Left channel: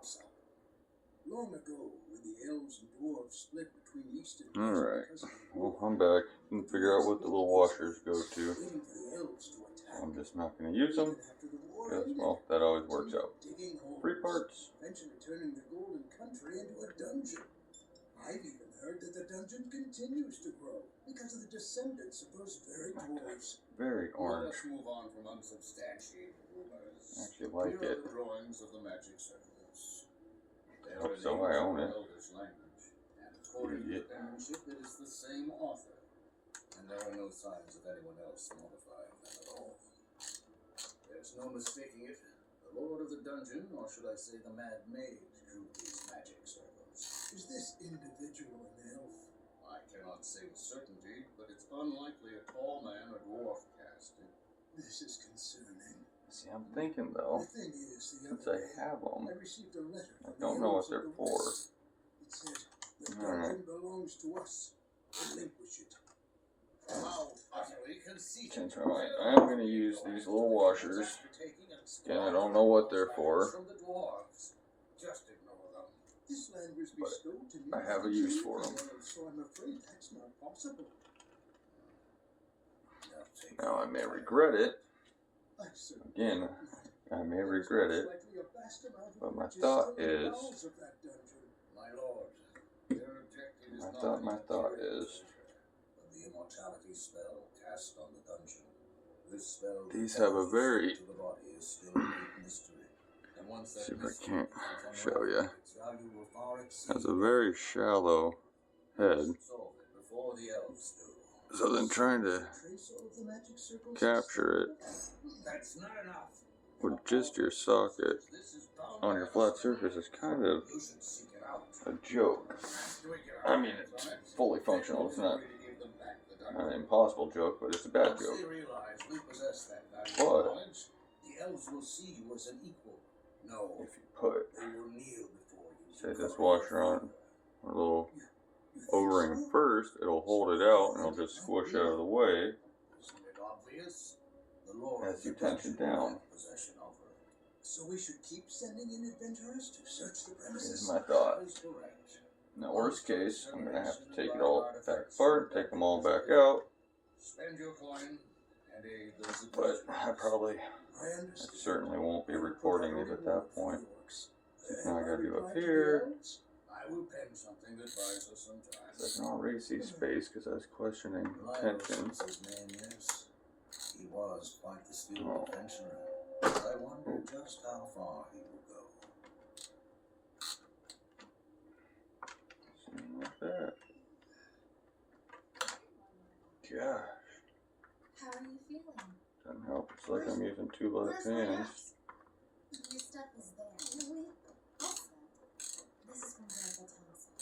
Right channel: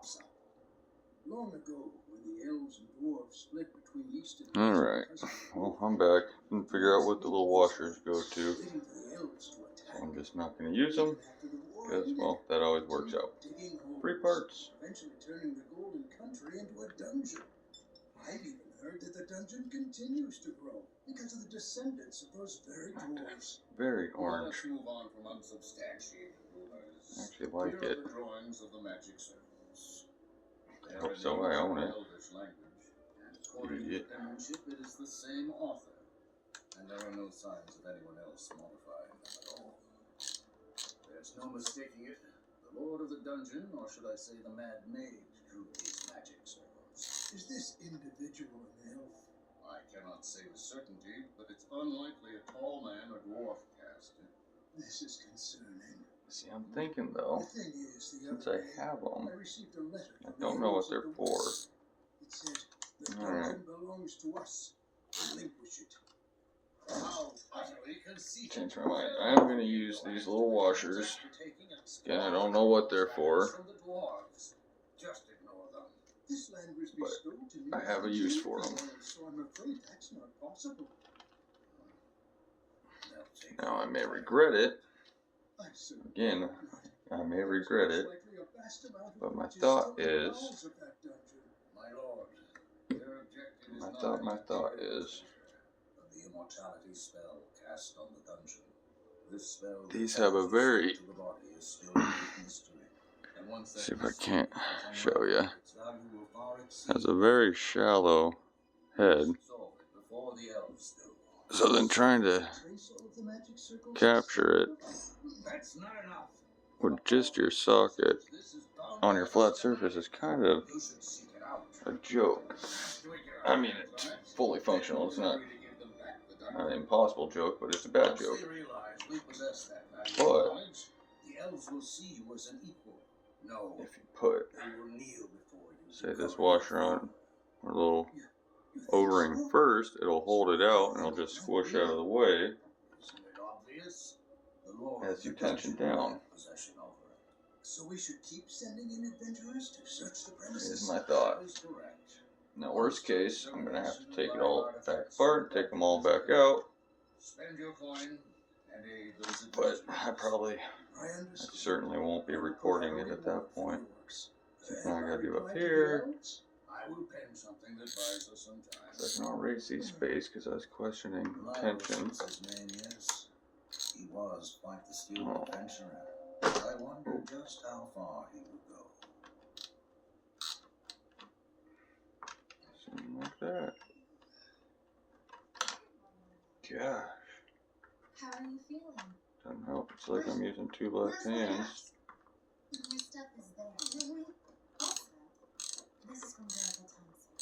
pops up. Long ago, when the elves and dwarves split between east and west. Alright, well, I'm back. And figure out what the little washers go to. So I'm just not going to use them, because, well, that always works out. 3 parts. Eventually turning the golden country into a dungeon. I've even heard that the dungeon continues to grow because of the descendants of those very dwarves. Very orange. Let's move on from unsubstantiated rumors. I actually like Here it. are the drawings of the magic circles. They are Hope in so, I own it. Elvish language, and according to the penmanship, it is the same author, and there are no signs of anyone else modifying them at all. There's no mistaking it. The Lord of the Dungeon, or should I say the Mad Mage, drew these magic circles. Is this individual an elf? I cannot say with certainty, but it's unlikely a tall man or dwarf cast it. This is concerning. See, I'm thinking though, The thing is, since I have them, I received a letter I from don't the know what elves of they're the for. west. It said, the dungeon belongs to us. Relinquish it. How utterly conceited. Change my mind. I'm going to use these little washers. Again, I don't know what they're for, From the dwarves. Just ignore them. This land was bestowed to me. I have a use for them. So I'm afraid that's not possible. Now I may regret it. I certainly Again, I may regret it, but my thought is, My lord, their objective is not my thought is, but the immortality spell cast on the dungeon. This spell these have a very, to the body is still a great mystery. And once that see if I mystery can't becomes show unraveled, you, its value will far exceed has a very shallow head. solve it before the elves do. So then trying to capture it That's not enough. with just your socket on your flat surface is kind of You should seek it out. a joke. I mean, it's fully functional. It's not an impossible joke, but it's a bad joke. But the elves will see you as an equal. No, if you put, they will kneel before you. say, this washer on a little O-ring first, it'll hold it out and it'll just squish out of the way Isn't it obvious? The Lord as you tension down. possession of her. So we should keep sending in adventurers to search the premises. Is my thought. That is correct. In the worst case, I'm gonna have to take it all back apart, take them all back out. Spend your coin and aid those But adventurers. I certainly won't be recording it at that point. So now I gotta do up here. I will pen something that buys us some time. So I can already see space because I was questioning Miles tension. is his name, yes. He was quite the skilled adventurer. I wonder just how far he will go. Something like that. Gosh. How are you feeling? Doesn't help. It's like I'm using 2 left hands. Your stuff is there. Also, this is from Grandpa Thompson.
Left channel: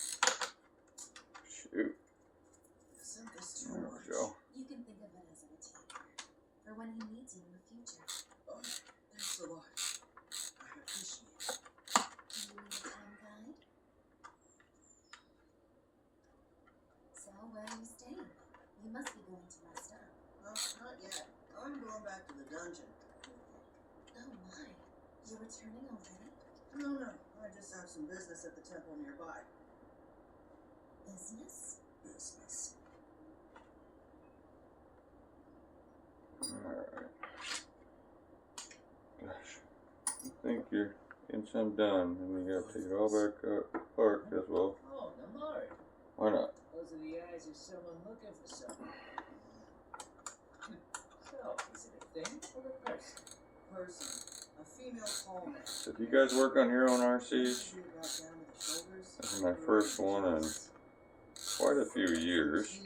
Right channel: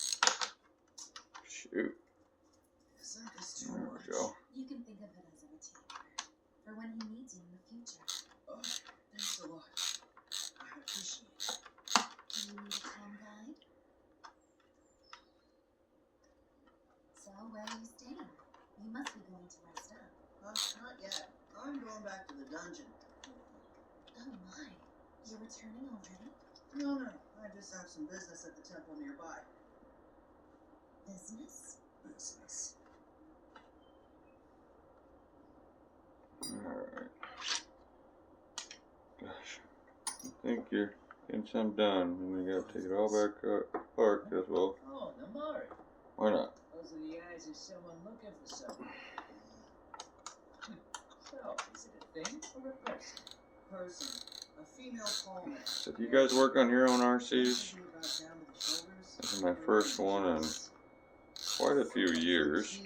Shoot. Isn't this too There much? we go. You can think of it as a retainer for when he needs you in the future. Oh, thanks a lot. I appreciate it. Do you need a town guide? So, where are you staying? You must be going to rest up. Not yet. I'm going back to the dungeon. Oh my, you're returning already? No. I just have some business at the temple nearby. Business? Business. Alright. Gosh. I think you're getting some done. And we gotta take it all back apart as well. Oh, Namari. Why not? Those are the eyes of someone looking for someone. So, is it a thing or a person? Person. A female Paulman. So do you guys work on your own RCs? Maybe about down to the shoulders. This is my first one in quite a few years.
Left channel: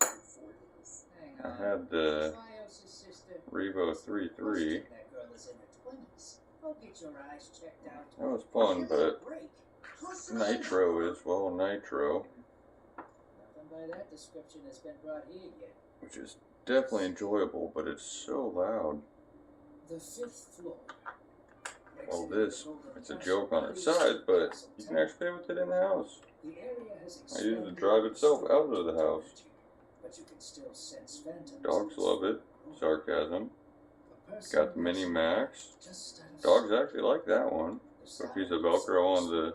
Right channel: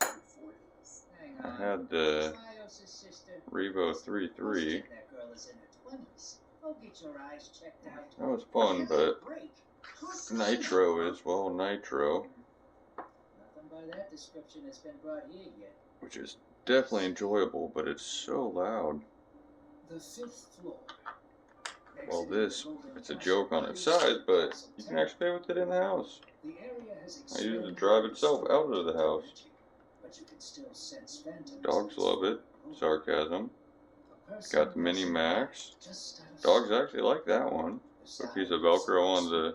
Hang I on. had the Trios' sister. Revo 3.3. That girl is in her 20s. Go get your eyes checked out. That was fun, but Break. Nitro is, well, Nitro, Nothing by that description has been brought here yet. which is definitely enjoyable, but it's so loud. The 5th floor. Well, this, it's a joke on its size, but you can actually play with it in the house. The area has I use the drive itself out of the house. but you can still sense phantoms. Dogs love it. Sarcasm. A It's person got the mini must max. just out of Dogs actually like that one. The a piece of Velcro on the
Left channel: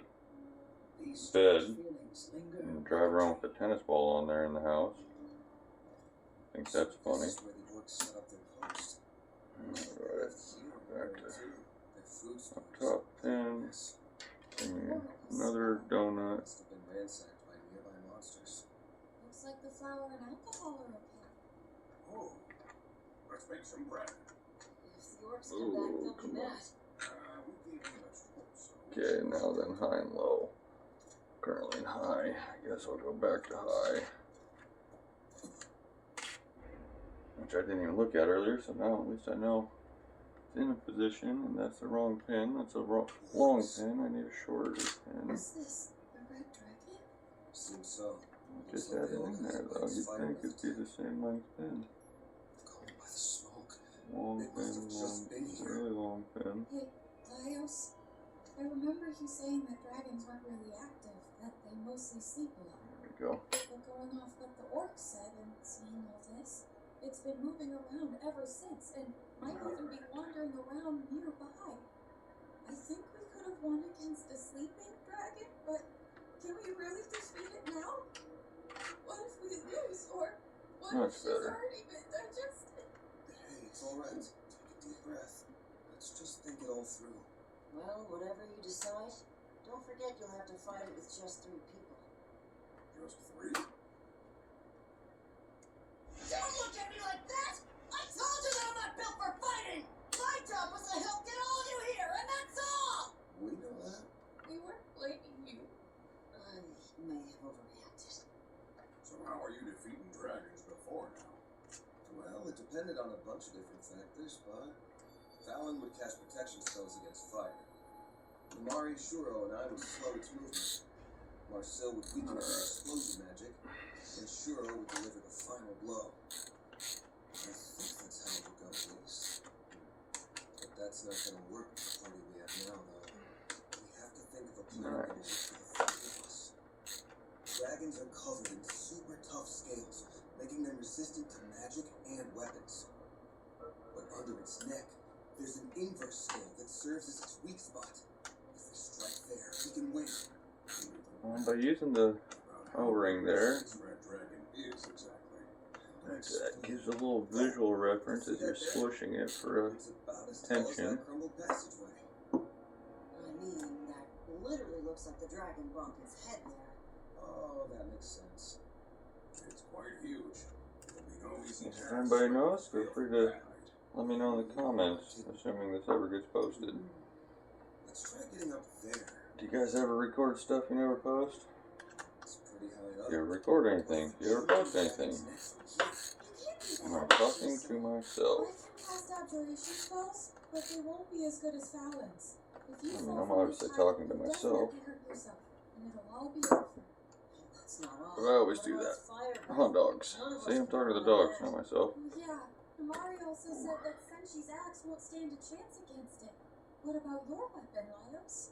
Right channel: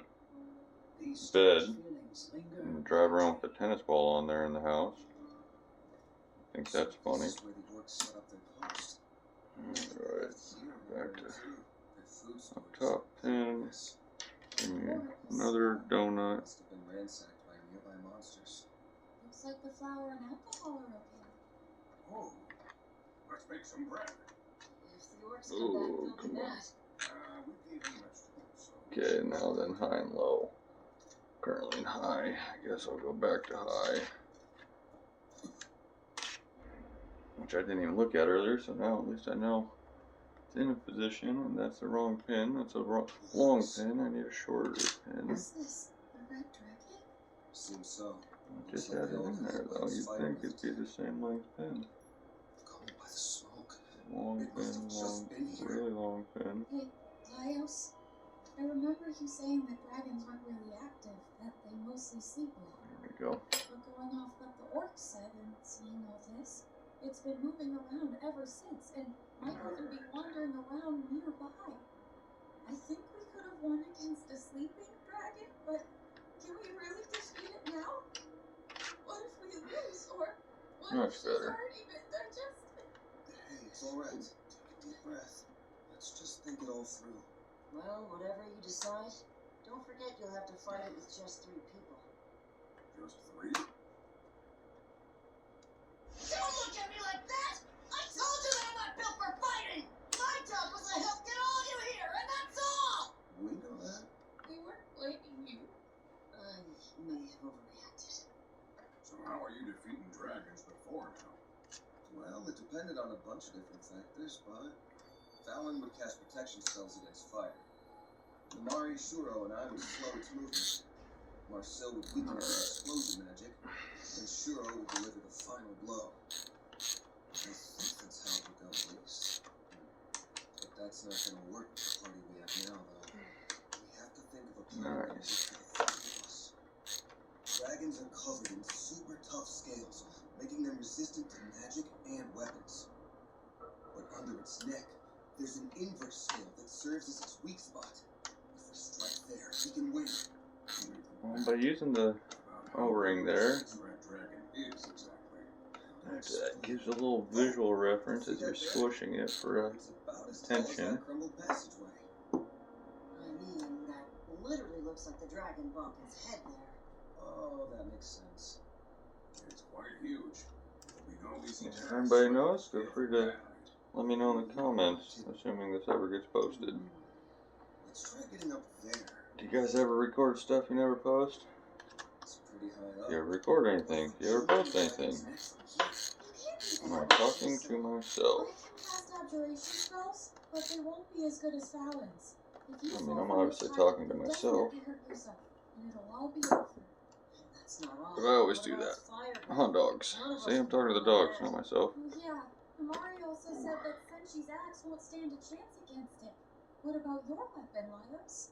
bed and drive around with a tennis ball on there in the house. I think that's funny. Alright, back to up top pin. Another donut. Must have been ransacked by nearby monsters. Looks like the flour and alcohol are okay. Oh, let's make some bread. If the orcs come back, they'll be mad. We gave them vegetables, so. Okay, now then high and low. Currently in high. I guess I'll go back to high. Which I didn't even look at earlier, so now at least I know it's in a position, and that's the wrong pin. That's a long pin. I need a shorter pin. Is this the red dragon? Seems so. Just add it in there though. You'd think it'd be the same length pin. Cold by the smoke. Long It must have pin, just been here. really long pin. Hey, Laios, I remember you saying that dragons weren't really active, that they mostly sleep a lot. There we go. But going off what the orc said and seeing all this, it's been moving around ever since, and might even be wandering around nearby. I think we could have won against a sleeping dragon, but can we really defeat it now? What if we lose, or what Much if she's better. already been digested? Hey, it's alright. Take a deep breath. Let's just think it all through. Well, whatever you decide, don't forget you'll have to fight it with just 3 people. Just 3? Don't look at me like that! I told you that I'm not built for fighting! My job was to help get all of you here, and that's all! We know that. We weren't blaming you. I may have overreacted. So how are you defeating dragons before now? Well, it depended on a bunch of different factors, but Fallon would cast protection spells against fire. Namari, Shuro, and I would slow its movement. Marcel would weaken it with explosion magic, and Shuro would deliver the final blow. I think that's how it would go, at least. But that's not gonna work with the party we have now, though. We have to think of a plan that will work for the 3 of us. Dragons are covered in super tough scales, making them resistant to magic and weapons. But under its neck, there's an inverse scale that serves as its weak spot. If we strike there, we can win. Well, by using the O-ring there, Red dragon is exactly. that gives a little visual reference as you're squishing it for a It's about as tall as tension. that crumbled passageway. I mean, that literally looks like the dragon bumped its head there. Oh, that makes sense. It's quite huge. There'll be no easy If task. anybody knows, feel free to let me know in the comments, assuming this ever gets posted. Let's try getting up there. Do you guys ever record stuff you never post? It's pretty high up. Do you ever record anything? Do you ever post anything? You can't do Am that. I talking to myself? I can cast abjuration spells, but they won't be as good as Fallon's. If you I mean, fall I'm from obviously this talking to height, you'll myself. definitely hurt yourself, and it'll all be over. That's not all. But I always What do about that. fire? Oh, dogs. None of us See, I'm can talking to the rely on dogs, that. not myself. Yeah, Amari also said that Senshi's axe won't stand a chance against it. What about your weapon, Laios?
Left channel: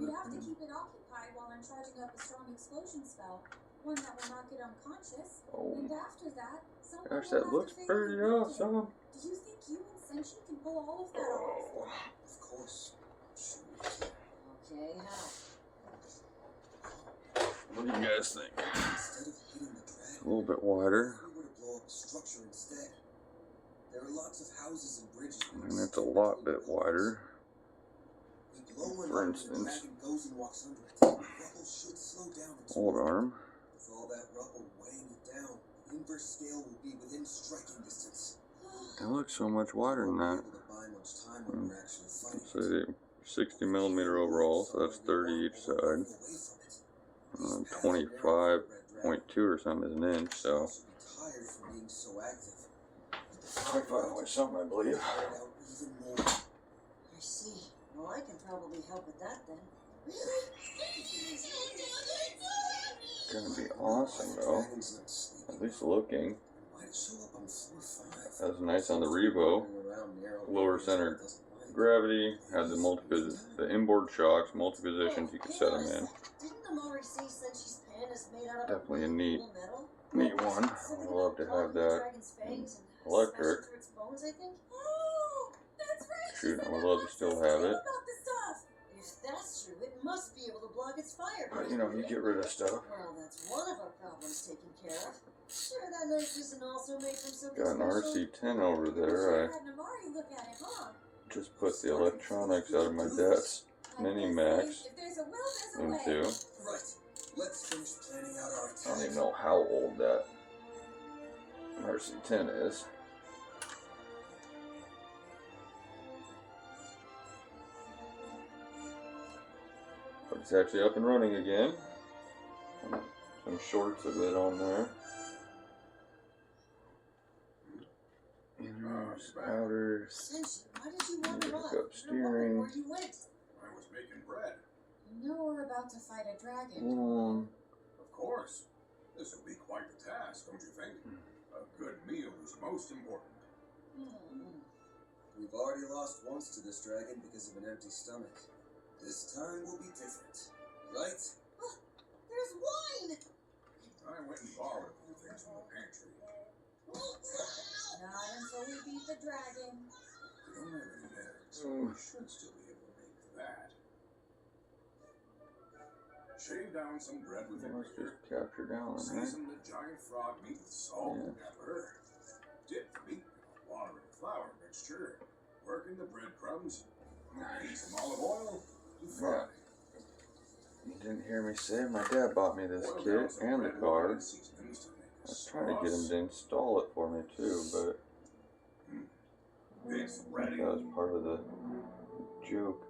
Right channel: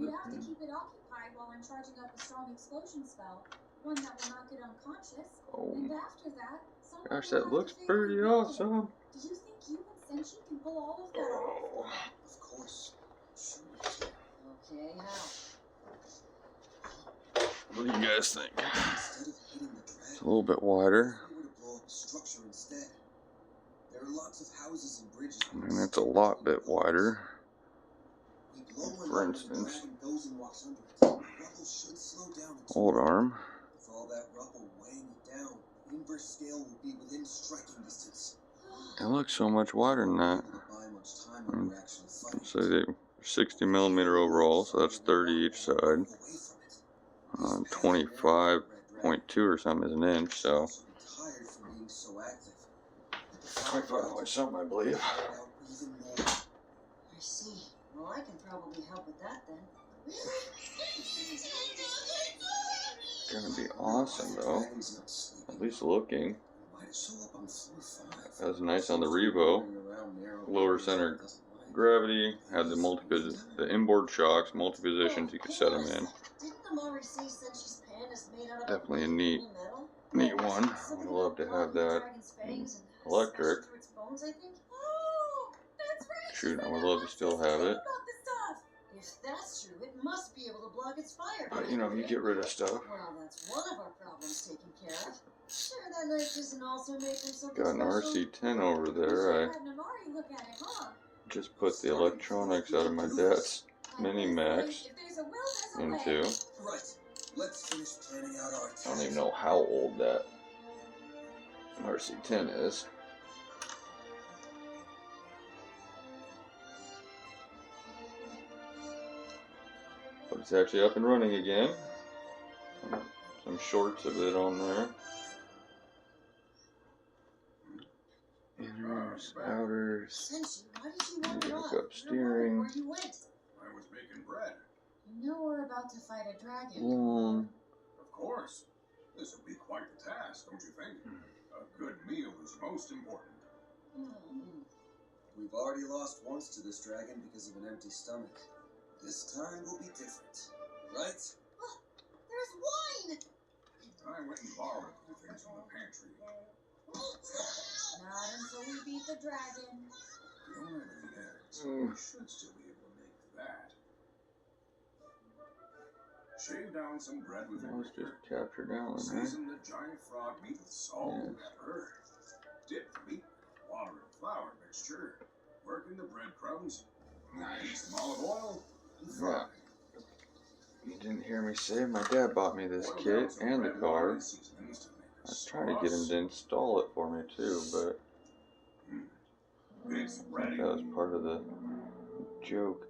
You'd have to keep it occupied while I'm charging up a strong explosion spell, one that will knock it unconscious. Oh, And after that, someone gosh, will that have looks to pretty fatally wield it. awesome. Do you think you and Senshi can pull all of that off? Of course. Sure we can. Okay, how? What do you guys think? Instead of hitting the It's dragon, a little bit wider. we were to blow up a structure instead. There are lots of houses and bridges. And it's a lot bit wider. We blow one For up and instance. the dragon goes and walks under it. The rubble should slow down its Old movement. arm. With all that rubble weighing it down, the inverse scale will be within striking distance. It looks so much wider than that. We won't be able to buy much time when we're actually fighting. So they 60 millimeter overall, so that's 30 each side. Away from it. 25.2 or something is an inch, so Also be tired from being so active. 25 something, I believe. Tired out even more. I see. Well, I can probably help with that then. Gonna be awesome though. Dragon's not sleeping. At least looking. Why'd it show up on floor 5? That was nice on the Revo. Lower center gravity, had the inboard shocks, multi positions you could set them in. Didn't Amari say Senshi's pen is made out of Definitely a neat metal? one. I'd love to have that. Electric. Through its bones, I think. Oh, that's right. Shoot, I would said love to lots still of have stuff it. about the stuff. If that's true, it must be able to block its fire. But you know, you get rid of stuff. Well, that's one of our problems taken care of. Sure, that knife isn't also made from something Got an special? RC10 over there. Sure I had Namari look at it, huh? just put the electronics out of my dad's mini-max If there's a will, there's a way. into. Right. Let's finish planning out our I don't even know how old that RC10 is. But it's actually up and running again. Some shorts of it on there. Inners, outers. Senshi, why did you wander off? Up I wondered steering. where you went. I was making bread. You know we're about to fight a dragon. Of course. This will be quite the task, don't you think? A good meal is most important. We've already lost once to this dragon because of an empty stomach. This time will be different, right? Oh, there's wine! I went and borrowed a few things from the pantry. Not until we beat the dragon. We don't have any eggs, so we should still be able to make that. Shave down some bread with Let's vinegar. just capture down there. Season the giant frog meat with salt and pepper. Dip the meat in a water and flour mixture. Work in the breadcrumbs. Heat some olive oil and fry. You didn't hear me say my dad bought me this Boil kit down some and the red wine car. and seasonings to make I a was trying to get him sauce. to install it for me too, but It's ready. that was part of the joke.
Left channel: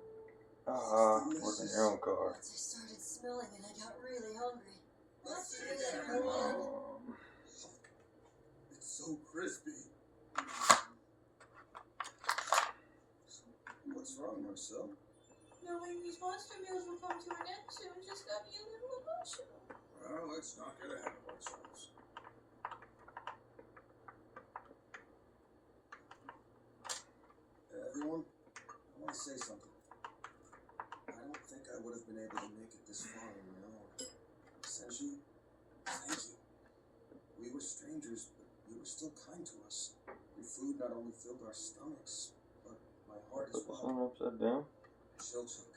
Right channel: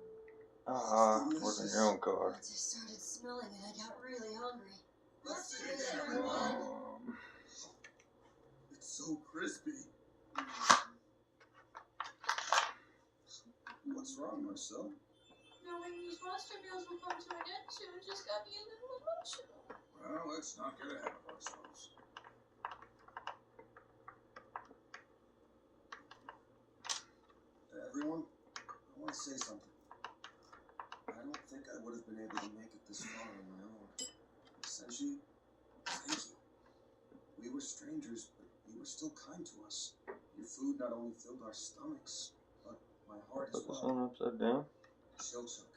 Work on your own car. Once I started smelling it, I got really hungry. Let's do take this, everyone. It's so crispy. What's wrong, Marcel? Knowing these monster meals will come to an end soon just got me a little emotional. Well, let's not get ahead of ourselves. Everyone, I want to say something. I don't think I would have been able to make it this far on my own. Senshi, thank you. We were strangers, but you were still kind to us. Your food not only filled our stomachs, but my heart as Put this well. one upside down. Shilchuk,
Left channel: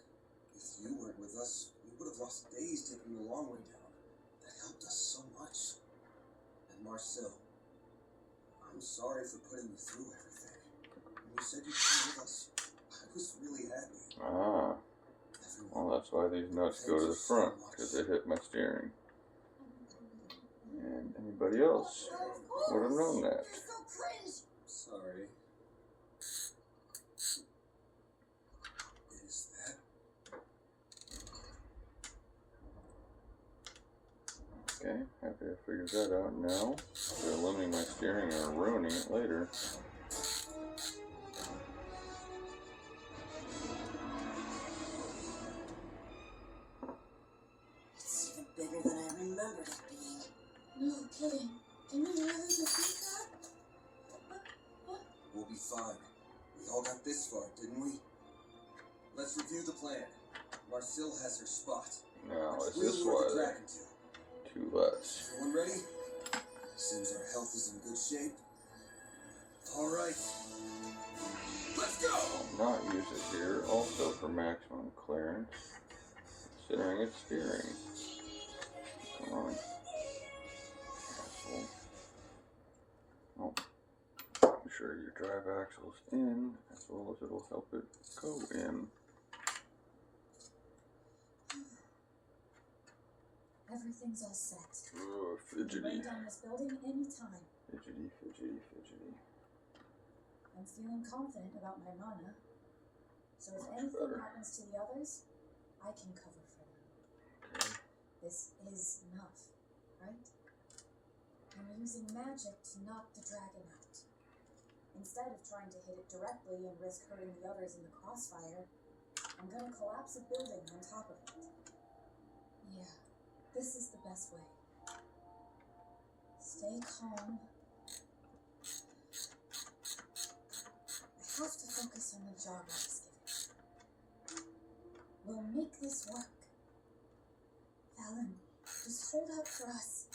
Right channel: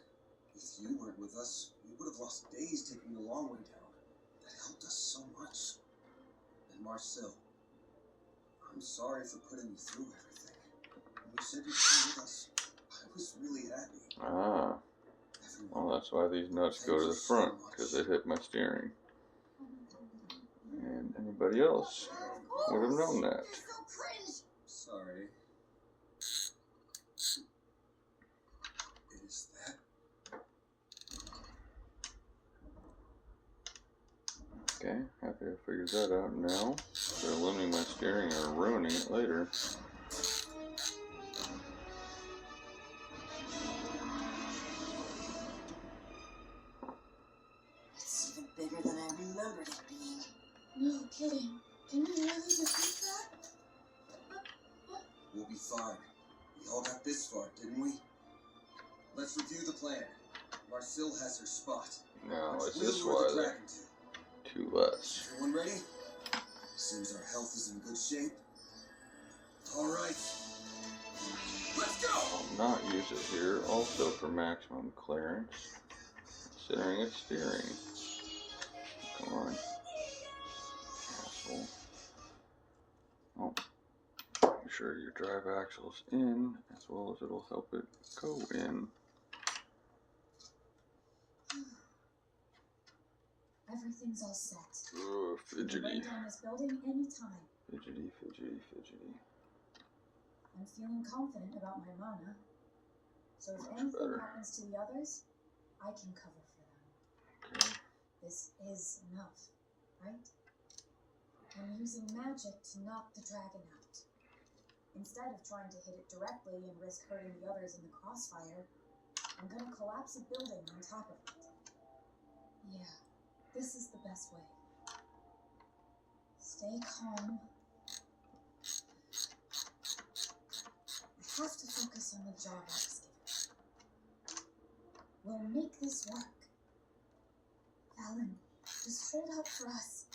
if you weren't with us, we would have lost days taking the long way down. That helped us so much. And Marcel, I'm sorry for putting you through everything. When you said you'd come with us, I was really happy. Well, that's why these nuts go to the front, because they hit my steering. And anybody else would have known that. You're so cringe! Sorry. Is that? Okay, happy I figured that out now. Instead of losing my steering or ruining it later. It's even bigger than I remembered it being. No kidding. Can we really defeat that? We'll be fine. We all got this far, didn't we? Let's review the plan. Marcel has her spot. Now, Let's is this wheel why the they're dragon to. two less? Everyone ready? Seems our health is in good shape. All right. Let's go! I'll not use it here, also for maximum clearance, considering it's steering. Come on. Axle. Oh. Make sure your drive axle's in, as well as it'll help it go in. Everything's all set. Ugh, We can fidgety. break down this building anytime. Fidgety, fidgety, fidgety. I'm feeling confident about my mana. So if Much anything better. happens to the others, I can cover for them. Okay. This is enough, right? I'm using magic to knock the dragon out. Instead of trying to hit it directly and risk hurting the others in the crossfire, I'm gonna collapse a building on top of it. Yeah, this is the best way. Stay calm. I have to focus on the job I was given. We'll make this work. Alan, just hold out for us.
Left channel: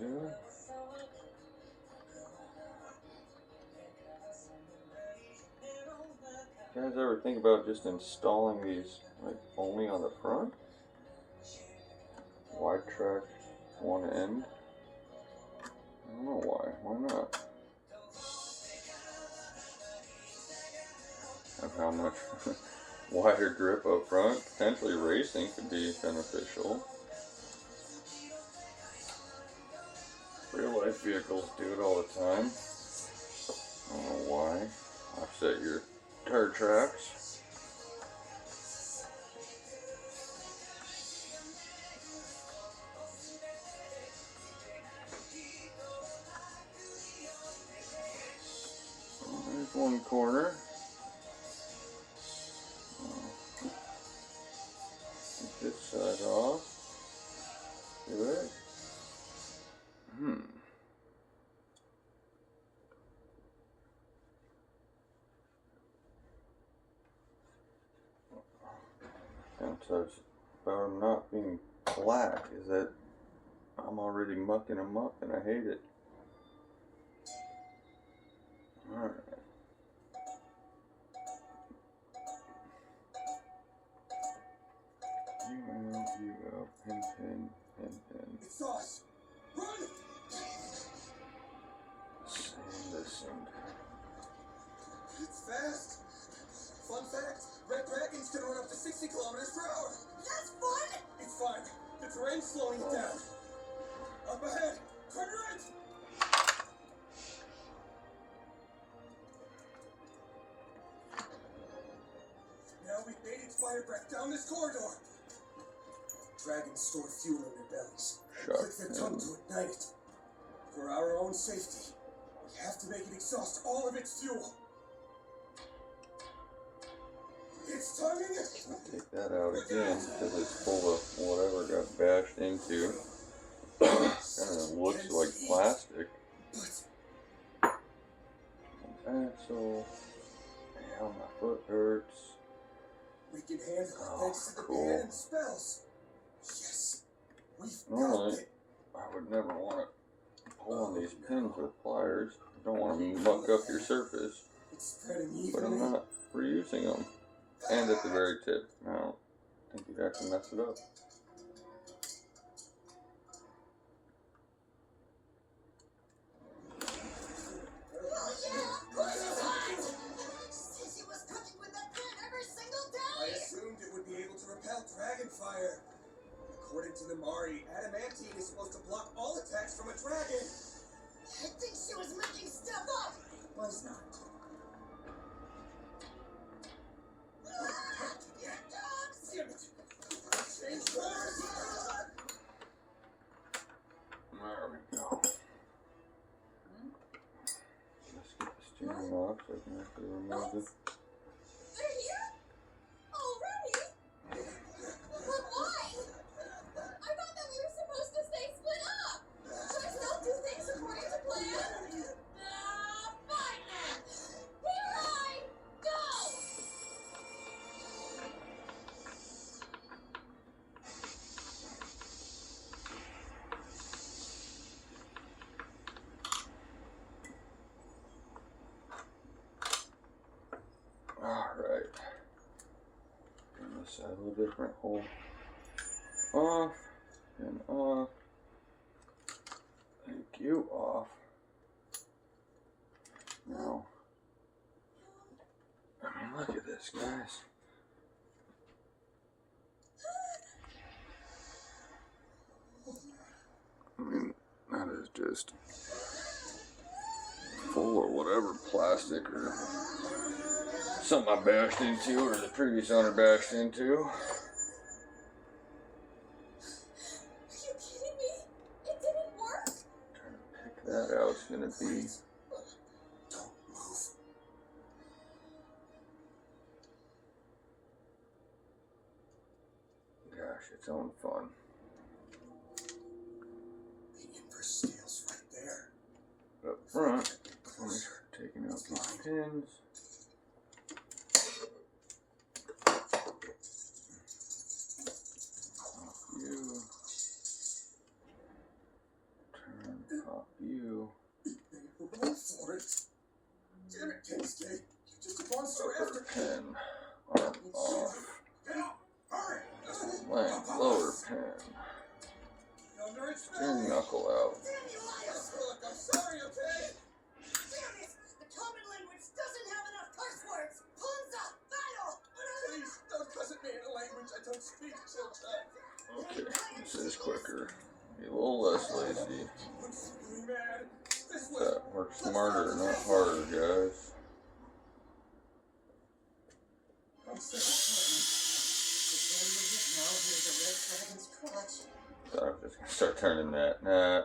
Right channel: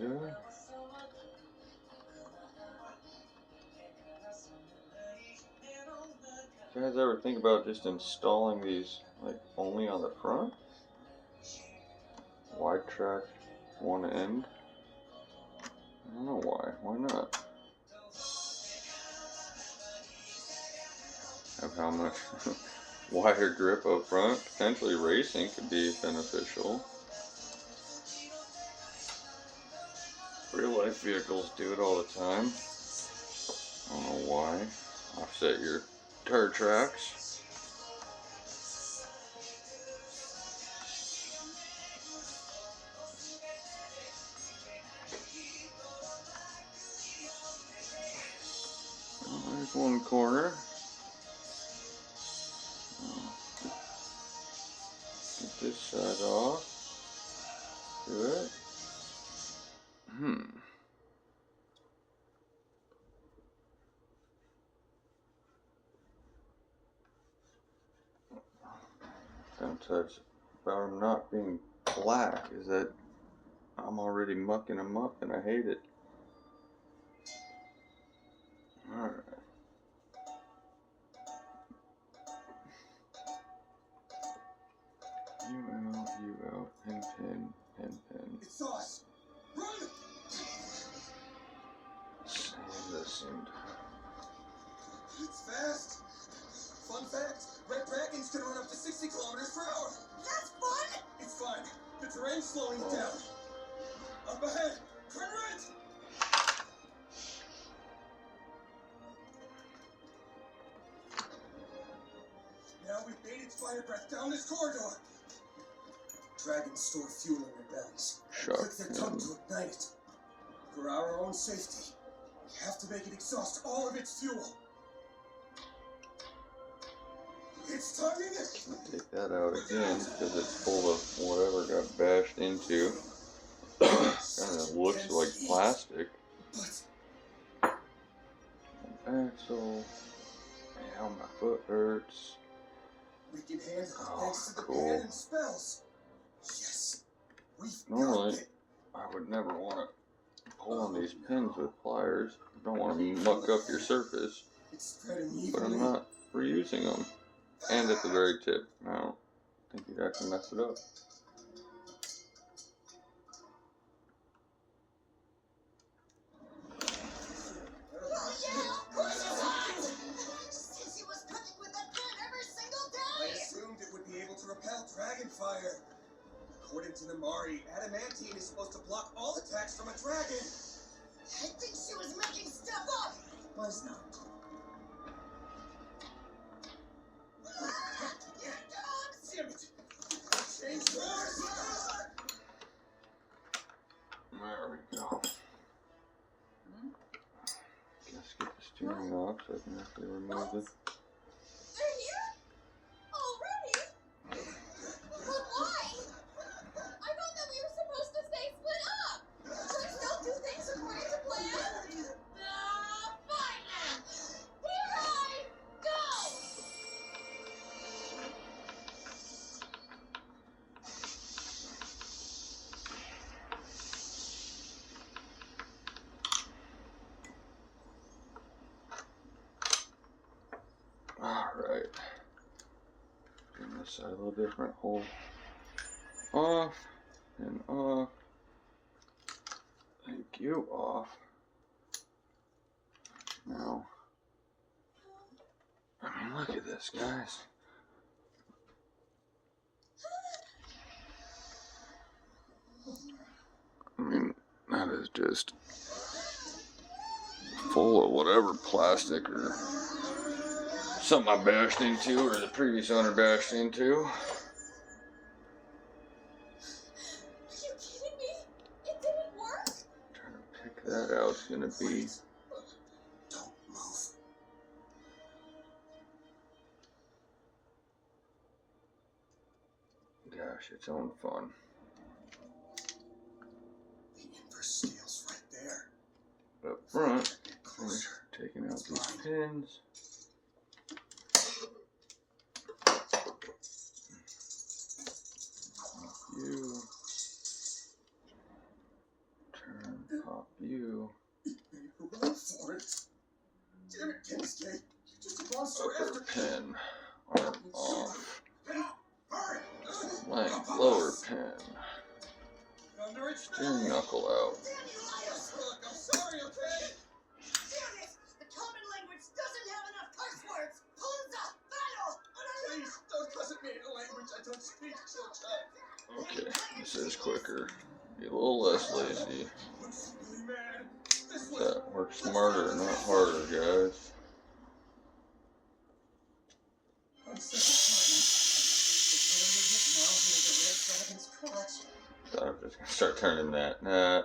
good. You guys ever think about just installing these like only on the front? Wide track one end? I don't know why. Why not? Have how much wider grip up front? Potentially racing could be beneficial. Real life vehicles do it all the time. I don't know why. Offset your tire tracks. There's one corner. Get this side off. Good. Downsides about them not being black is that I'm already mucking them up and I hate it. Alright. UL, pin, pin, pin, pin. It's us! Run! Same this and It's fast! Fun fact, red dragons can run up to 60 kilometers per hour! That's fun! It's fine. The terrain's slowing it down. Up ahead! Turn right! Now we've made its fire breath down this corridor. Dragons store fuel in their bellies. shut Click their tongue him. to ignite it. For our own safety, we have to make it exhaust all of its fuel. It's tonguing it! Take that out again because it's full of whatever got bashed into. Kind of looks like plastic. But Axle. Ow, my foot hurts. we can handle it Oh, thanks to the cool. pan and spells. Yes, we've Normally, got it. I would never want to pull on these pins with pliers. I don't want to muck up your surface, It's spreading but evenly. I'm not reusing them. And at the very tip. I don't think you'd actually mess it up. Oh yeah, of course it's hot! Sissy was cooking with that pan every single I day! assumed it would be able to repel dragon fire. According to the Mari, adamantine is supposed to block all attacks from a dragon. I think she was making stuff up! Was not. Your dogs! Damn it! Change course! There we go. Let's get the steering off so I can actually remove it. They're here? Already? But why? I thought that we were supposed to stay split up. Please don't do things according to plan. Fine then. Here I go. Alright. Doing this side a little different. Hold off and off. Thank you, off. Now, I mean, look at this, guys. I mean, that is just full of whatever plastic or something I bashed into or the previous owner bashed into. Are you kidding me? It didn't work? Trying to pick that out is gonna be Don't move. gosh, its own fun. The inverse scale's right there. Up front, Get finish closer. taking out these pins. You turn 10. Thunder, it's Get your knuckle out. Damn you, liars! Look, I'm sorry, okay? Damn it! The common language doesn't have enough curse words! Punza! Battle! Please, don't cuss at me in a language I don't speak, children. Okay, this is quicker. Be a little less lazy. What's really mad? This way. That works smarter, not harder, guys. I'm sick of fighting. Now here's the red dragon's clutch. Thought I was just gonna start turning that. Nah. No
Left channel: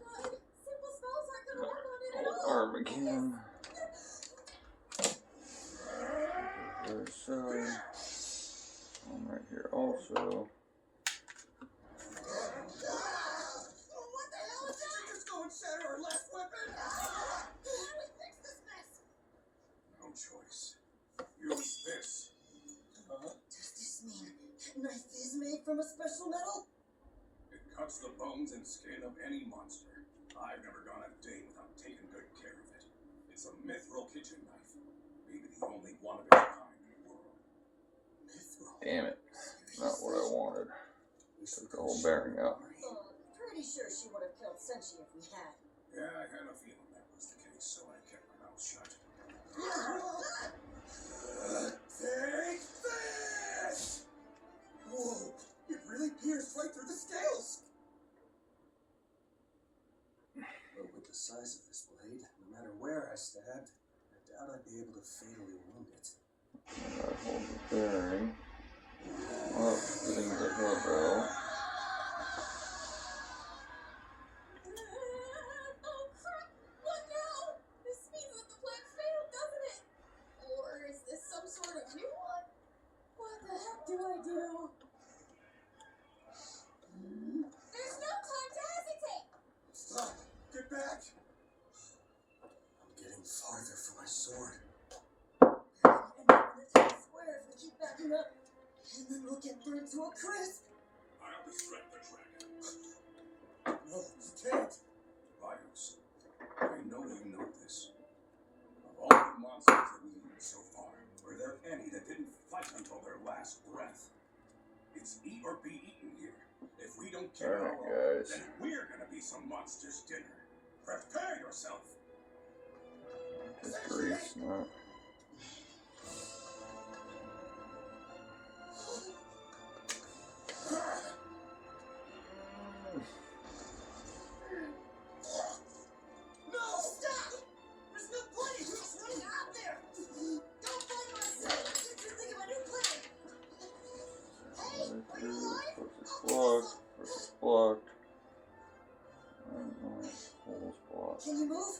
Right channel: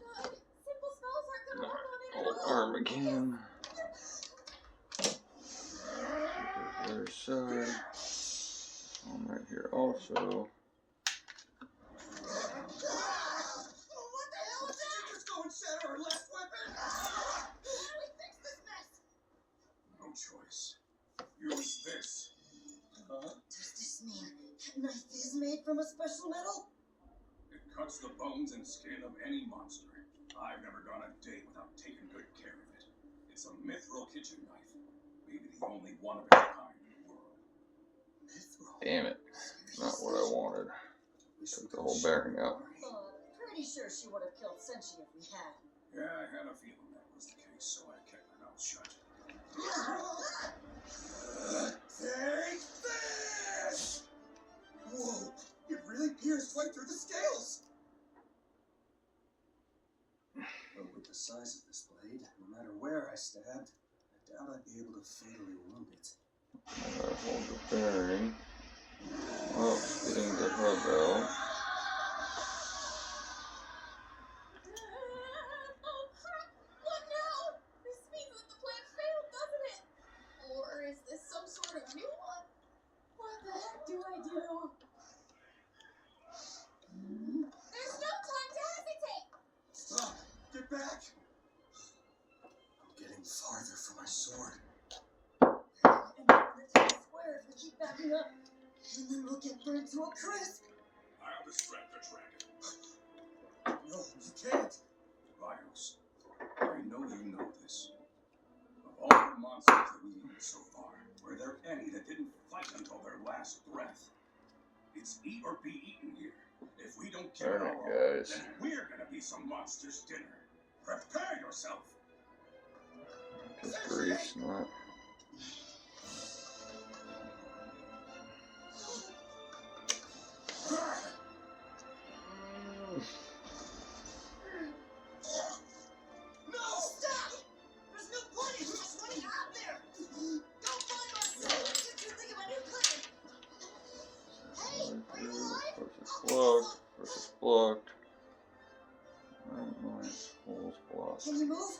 good. Simple spells aren't gonna work on it at all. Arm again. There's one right here also. What the hell is that? Just go and shatter our last weapon. How do we fix this mess? No choice. Use this. Does this mean that knife is made from a special metal? It cuts the bones and skin of any monster. I've never gone a day without taking good care of it. It's a mithril kitchen knife. Maybe the only one of its kind in the world. Mithril. Damn it. Not what I wanted. We should Took the whole bearing out. Pretty sure she would have killed Senshi if we had. Yeah, I had a feeling that was the case, so I kept my mouth shut. Take this! Whoa, it really pierced right through the scales! But with the size of this blade, no matter where I stabbed, I doubt I'd be able to fatally wound it. Hold the bearing. Oh, getting the hood though. Oh crap! What now? This means that the plan failed, doesn't it? Or is this some sort of new one? What the heck do I do? There's no time to hesitate! Stop! Get back! I'm getting farther from my sword. And then the town square if we keep backing up. And then we'll get burned to a crisp. I'll distract the dragon. No, you can't! Rhinos, I know you know this. Of all the monsters that we've eaten so far, were there any that didn't fight until their last breath? It's eat or be eaten here. If we don't kill it Alright, all, guys. then we're gonna be some monster's dinner. Prepare yourself. Just grease, not. No! Stop! There's no point in just running out there! Go find Marcel and get you think of a new plan! Hey, are you alive? Blocked. Versus blocked. Alright, nice. Holes blocked. Can you move?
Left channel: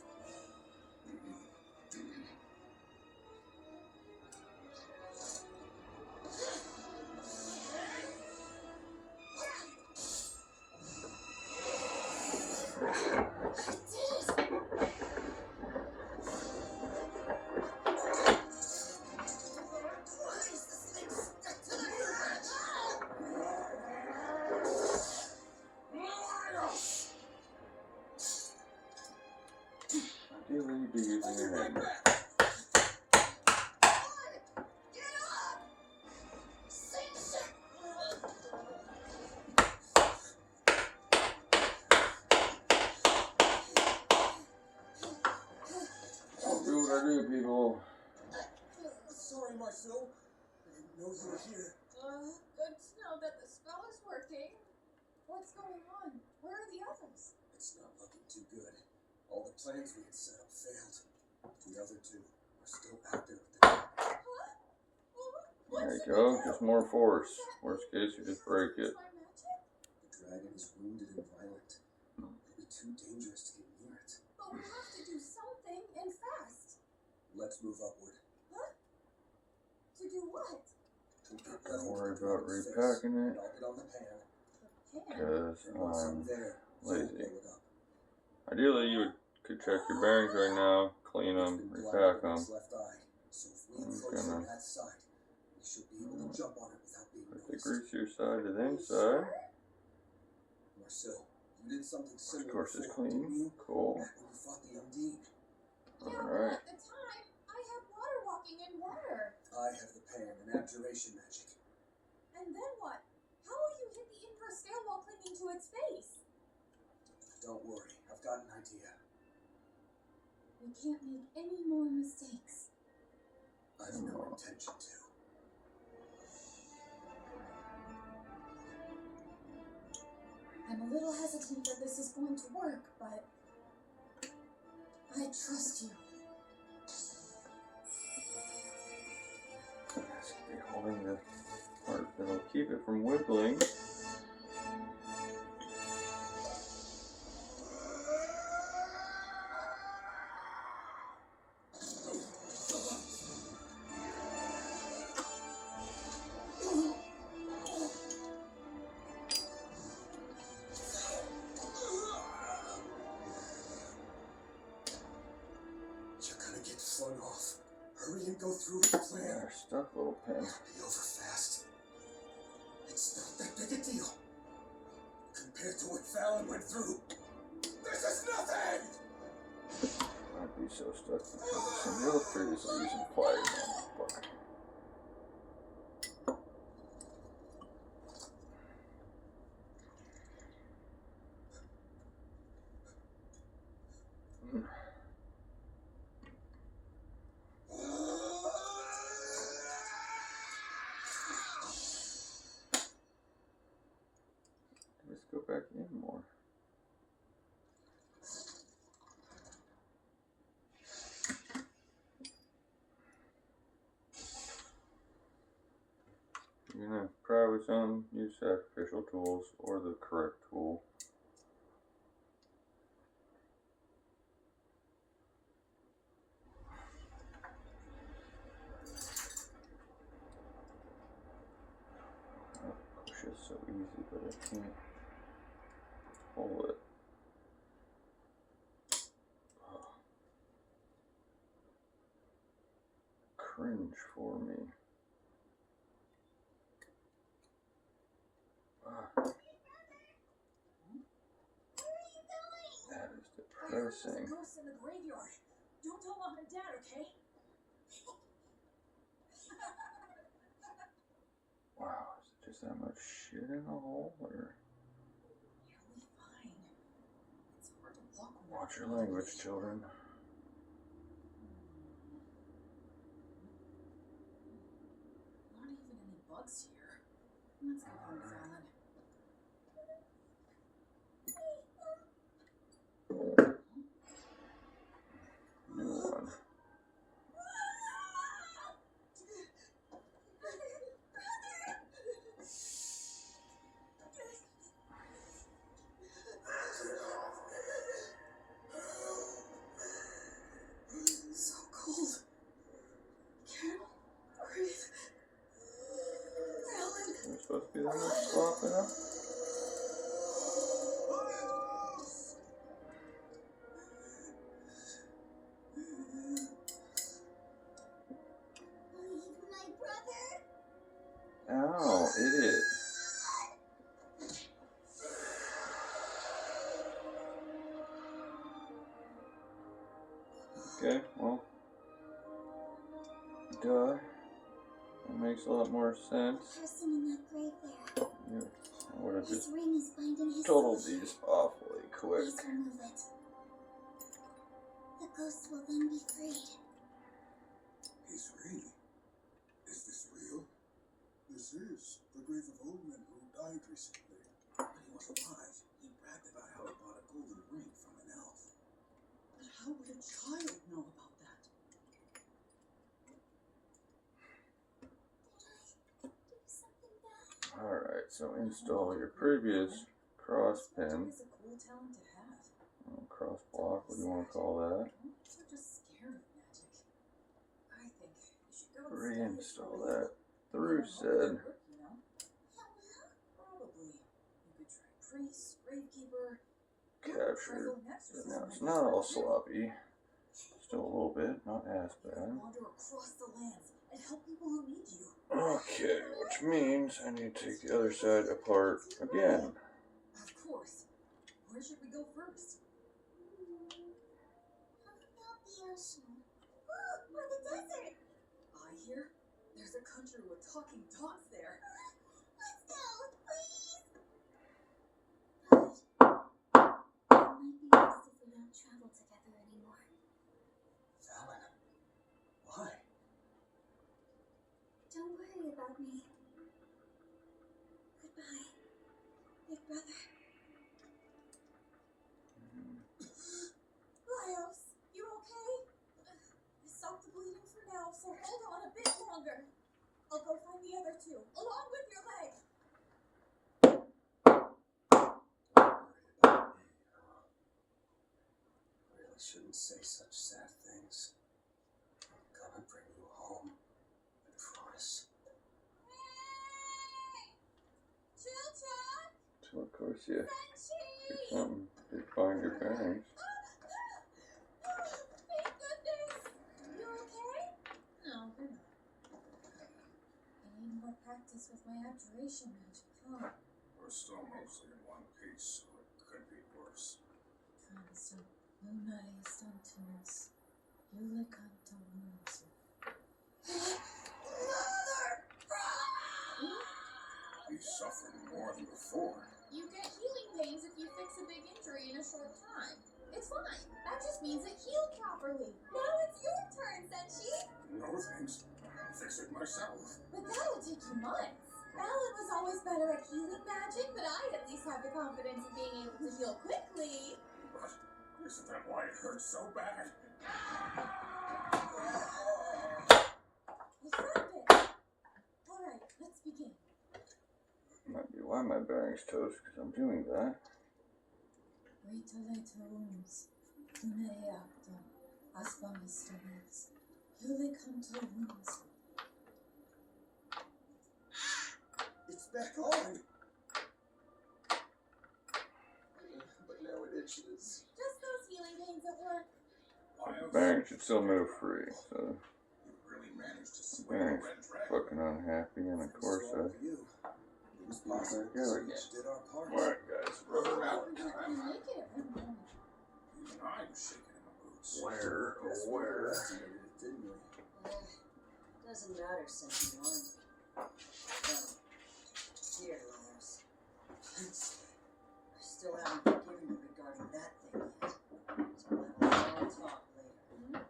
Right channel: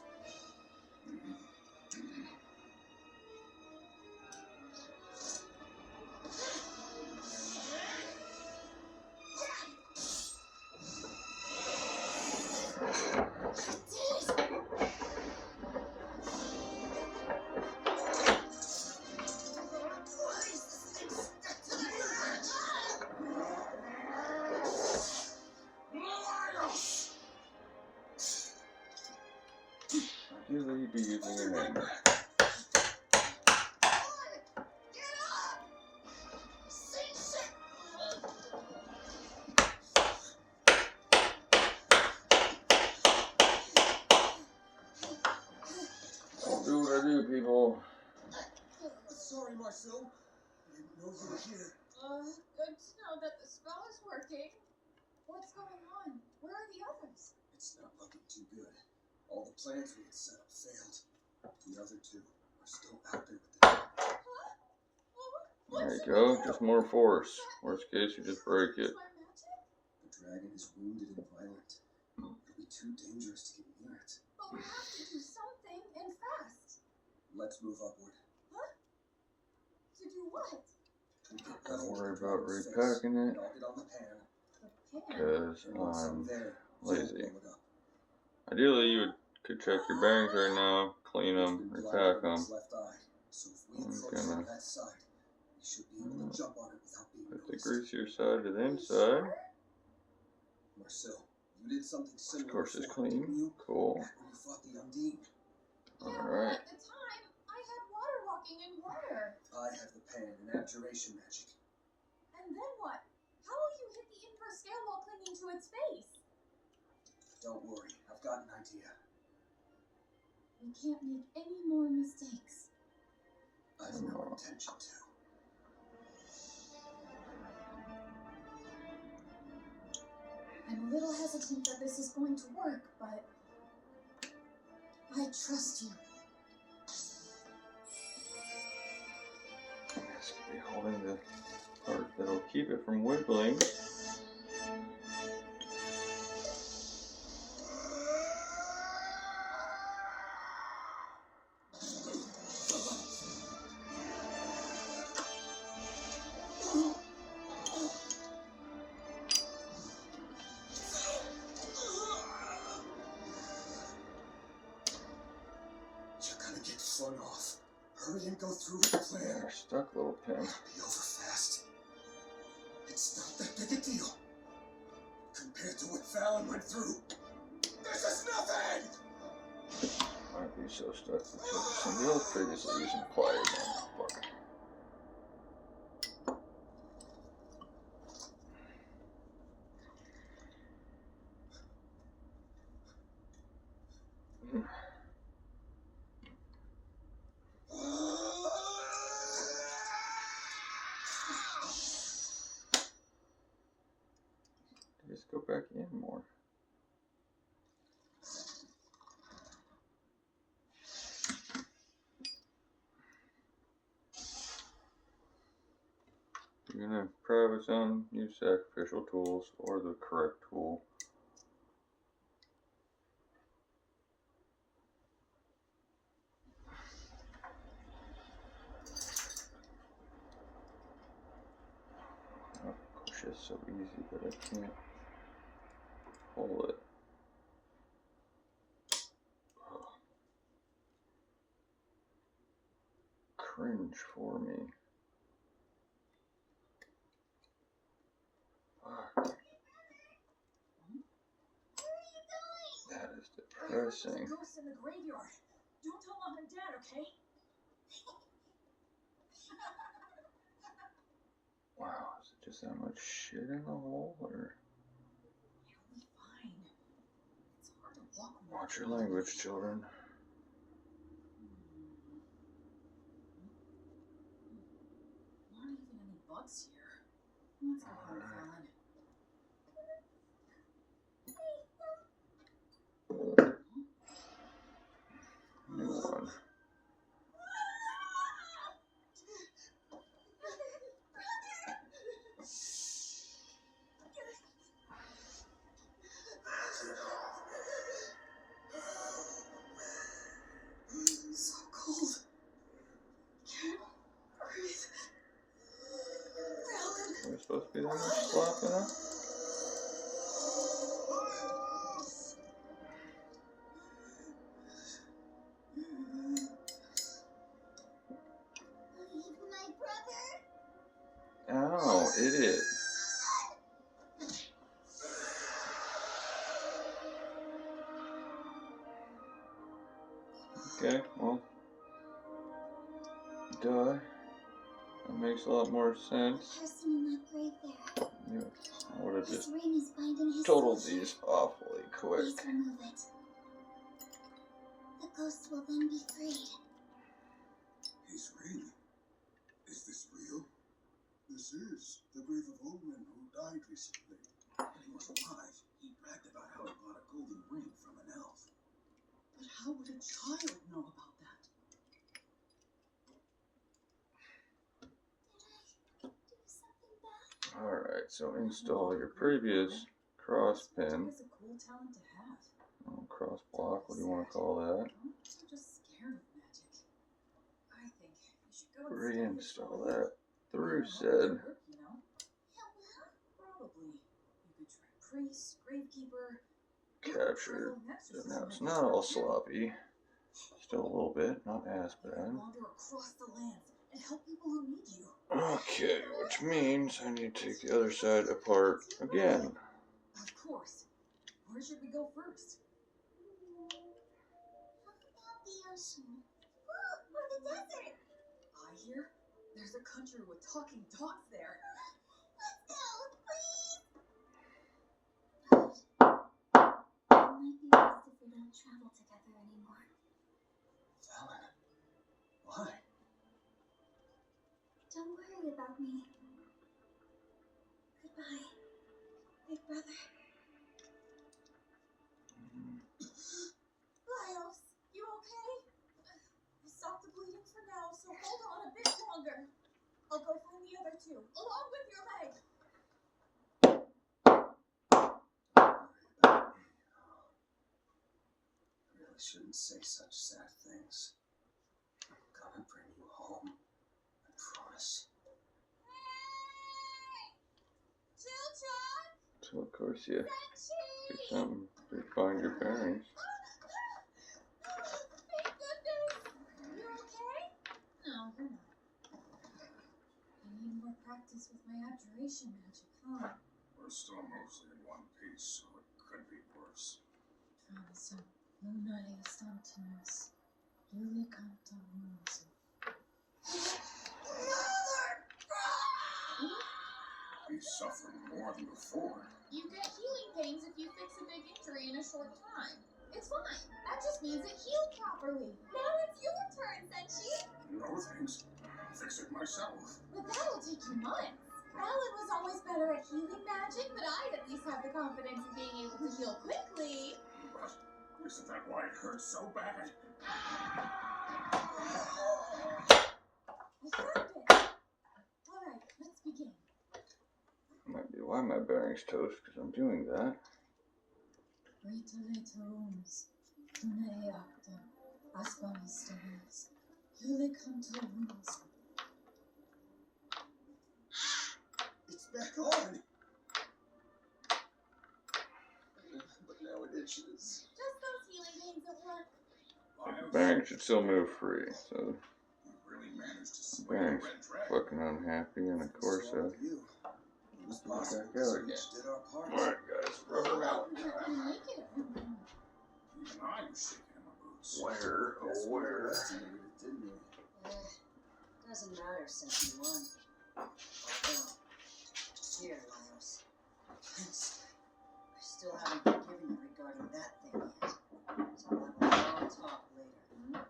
Ideally, be using a hammer. Do what I do, people. Sorry, Marcel. I didn't know you were here. Good to know that the spell is working. What's going on? Where are the others? It's not looking too good. All the plans we had set up failed. The other two are still out there with the There you go. Just more force. Worst case, you just break it. The dragon is wounded and violent. It'll be too dangerous to get near it. But we have to do something, and fast. Let's move upward. To do what? We get Don't level worry with the about dragon's face, repacking it. and I'll get on the pan. The pan. Because And once I'm I'm there, lazy. I'll blow it up. Ideally, you could check your bearings right now, clean them, It's been repack blinded in them. its left eye, so if we I'm approach gonna from that side, we should be able to jump on it without being Put the noticed. greasier side to the inside. Marcel, you did something similar Of course, it's before, didn't clean. you? Cool. Back when you fought the Undine. Yeah, but Alright. at the time, I had water walking in water. I have the pan and abjuration magic. And then what? How will you into its face. Don't worry, I've got an idea. We can't make any more mistakes. I've no intention to. I'm a little hesitant that this is going to work, but I trust you. It's gonna be holding the part that'll keep it from wiggling. You're gonna get flung off. Hurry and go through with the plan. You're stuck, little pin. Be over fast. It's not that big a deal. Compared to what Fallon went through. This is nothing! Might be so stuck because of some real previously using pliers on this book. Just go back in more. If you're gonna probably some use sacrificial tools or the correct tool. Push is so easy, but I can't pull it. Oh. Cringe for me. Fuck. That is depressing. There's a ghost in the graveyard. Don't tell Mom and Dad, okay? Wow, is it just that much shit in the hole, or? You'll be fine. It's hard to walk. Watch your language, children. Not even any bugs here. Let's go home, Fallon. New one. So cold. Can't breathe. Fallon. We're supposed to be that much slopping up? Leave my brother. Ow, idiot. Okay, well. Duh. That makes a lot more sense. Person in that grave there. Yeah, I would have His just ring is binding his totaled soul. these awfully quick. Please remove it. The ghost will then be freed. His ring? Is this real? This is the grave of Oldman who died recently. When he was alive, he bragged about how he bought a golden ring from an elf. But how would a child know about that? Did I do something bad? Alright, so install your previous cross pin. It's a cool talent to have. Cross block, what do you want to call that? Most are just scared of magic. I think you should go and Reinstall study that. it. Through It'll said. work, you know? Yeah, well, Probably. You could try priest, gravekeeper. Capture. So now it's not all sloppy. Still a little bit, not as You bad. can wander across the lands and help people who need you. Okay, which means I need to take the other side apart again. Of course. Where should we go first? how about the ocean? Or the desert? I hear there's a country with talking dogs there. Let's go, please. travel together anymore. Fallon, why? Don't worry about me. Goodbye, big brother. Lyos, you okay? Stop the bleeding for now, so hold on a bit longer. I'll go find the other two, along with your leg. Don't worry about me. I really shouldn't say such sad things. I'm gonna bring you home. I promise. Children! So of course you do Senshi! something to find your bearings. Thank goodness! You okay? No, you're not. I need more practice with my abjuration magic, huh? We're still mostly in one piece, so it could be worse. Transo, luna estantinus, yulicanto munsu. He's suffering more than before. You get healing pains if you fix a big injury in a short time. It's fine. That just means it healed properly. Now it's your turn, Senshi. No thanks. I'll fix it myself. But that'll take you months. Alan was always better at healing magic, but I'd at least have the confidence of being able to heal quickly. But isn't that why it hurts so bad? I found it. All right, let's begin. Might be why my bearings toast, because I'm doing that. Ritoletomes, Luna eactum, Aspamistomens, Yulicanto munsu. It's back on! But now it itches. Just those healing pains at work. Lyos, Bearings should still move free, so you really managed to sway the bearings red dragon. fucking unhappy, and of course, Thanks to all of you. It was possible Back because out we again. each did our part. alright guys, rubber mallet We were time. gonna make it at one point. Even I was shaking in my boots. Where, Guess oh we where? underestimated it, didn't we? Doesn't matter since you won. Well, here, Lyos. I still haven't forgiven you regarding that thing yet. So we'll have a long talk later.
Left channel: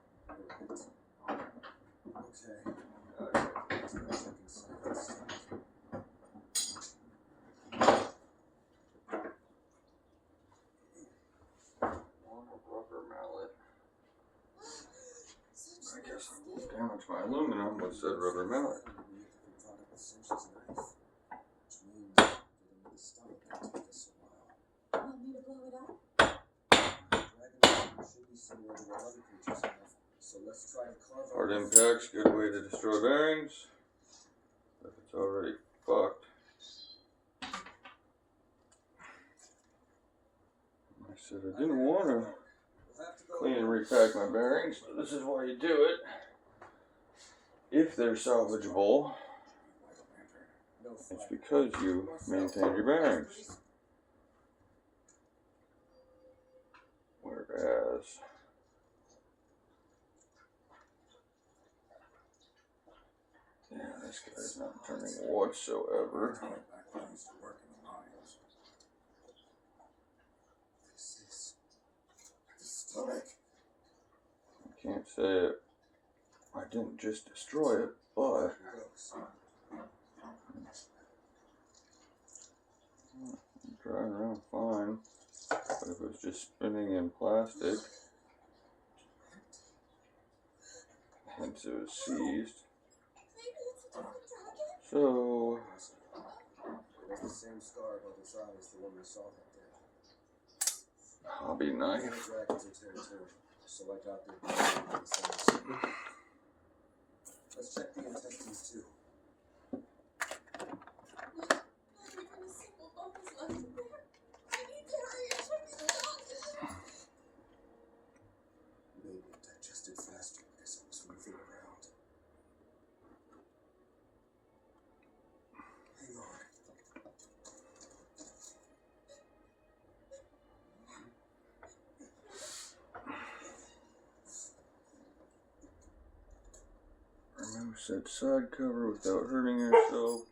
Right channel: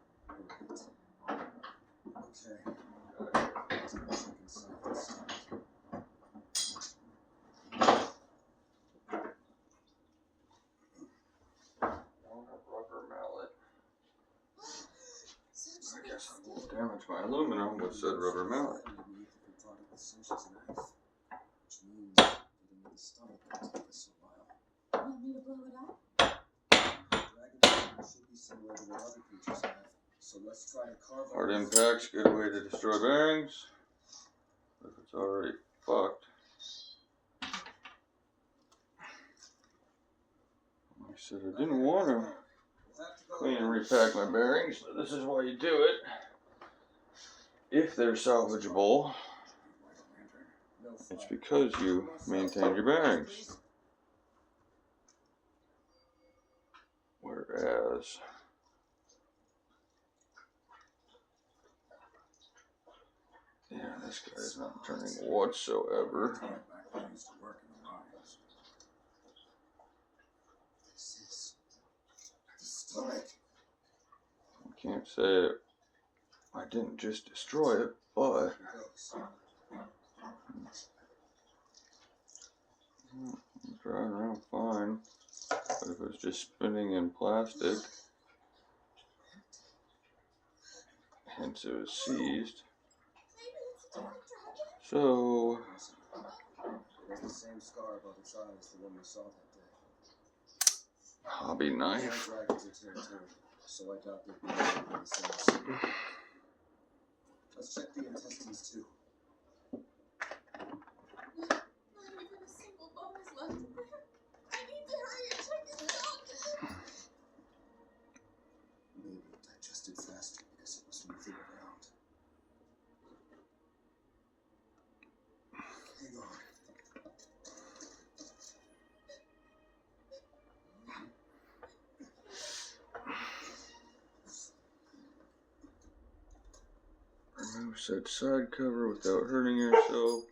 Okay. Let's go check inside this stuff. Want a rubber mallet. I guess I won't damage my aluminum with said rubber mallet. Underneath if we brought up the cinch's knife. Which means getting to the stomach will take us a while. Want me to blow it up? Dragon poison should be similar to what other creatures have. So let's try to carve Hard our impact's a good way to destroy bearings. If it's already fucked. I said I didn't want to We'll have to go clean and repack my bearings, but this is why you do it. If they're salvageable, Light a lantern. No it's fire. because you maintain your bearings. Please. Whereas yeah, this guy's not turning whatsoever. Going back when I used to work in the mines. This is the stomach. I can't say I didn't just destroy it, but Here goes. I'm driving around fine. But if it was just spinning in plastic, hence it was seized. Maybe it's a different dragon? So It has the same scar above its eye as the one we saw that day. hobby Other knife. dragons are territorial, so I doubt they'd be able to do the same. Let's check the intestines too. Not even a single bone is left in there. I need to hurry and check this out. Maybe it digested faster because it was moving around. Hang on. Remove said side cover without hurting yourself.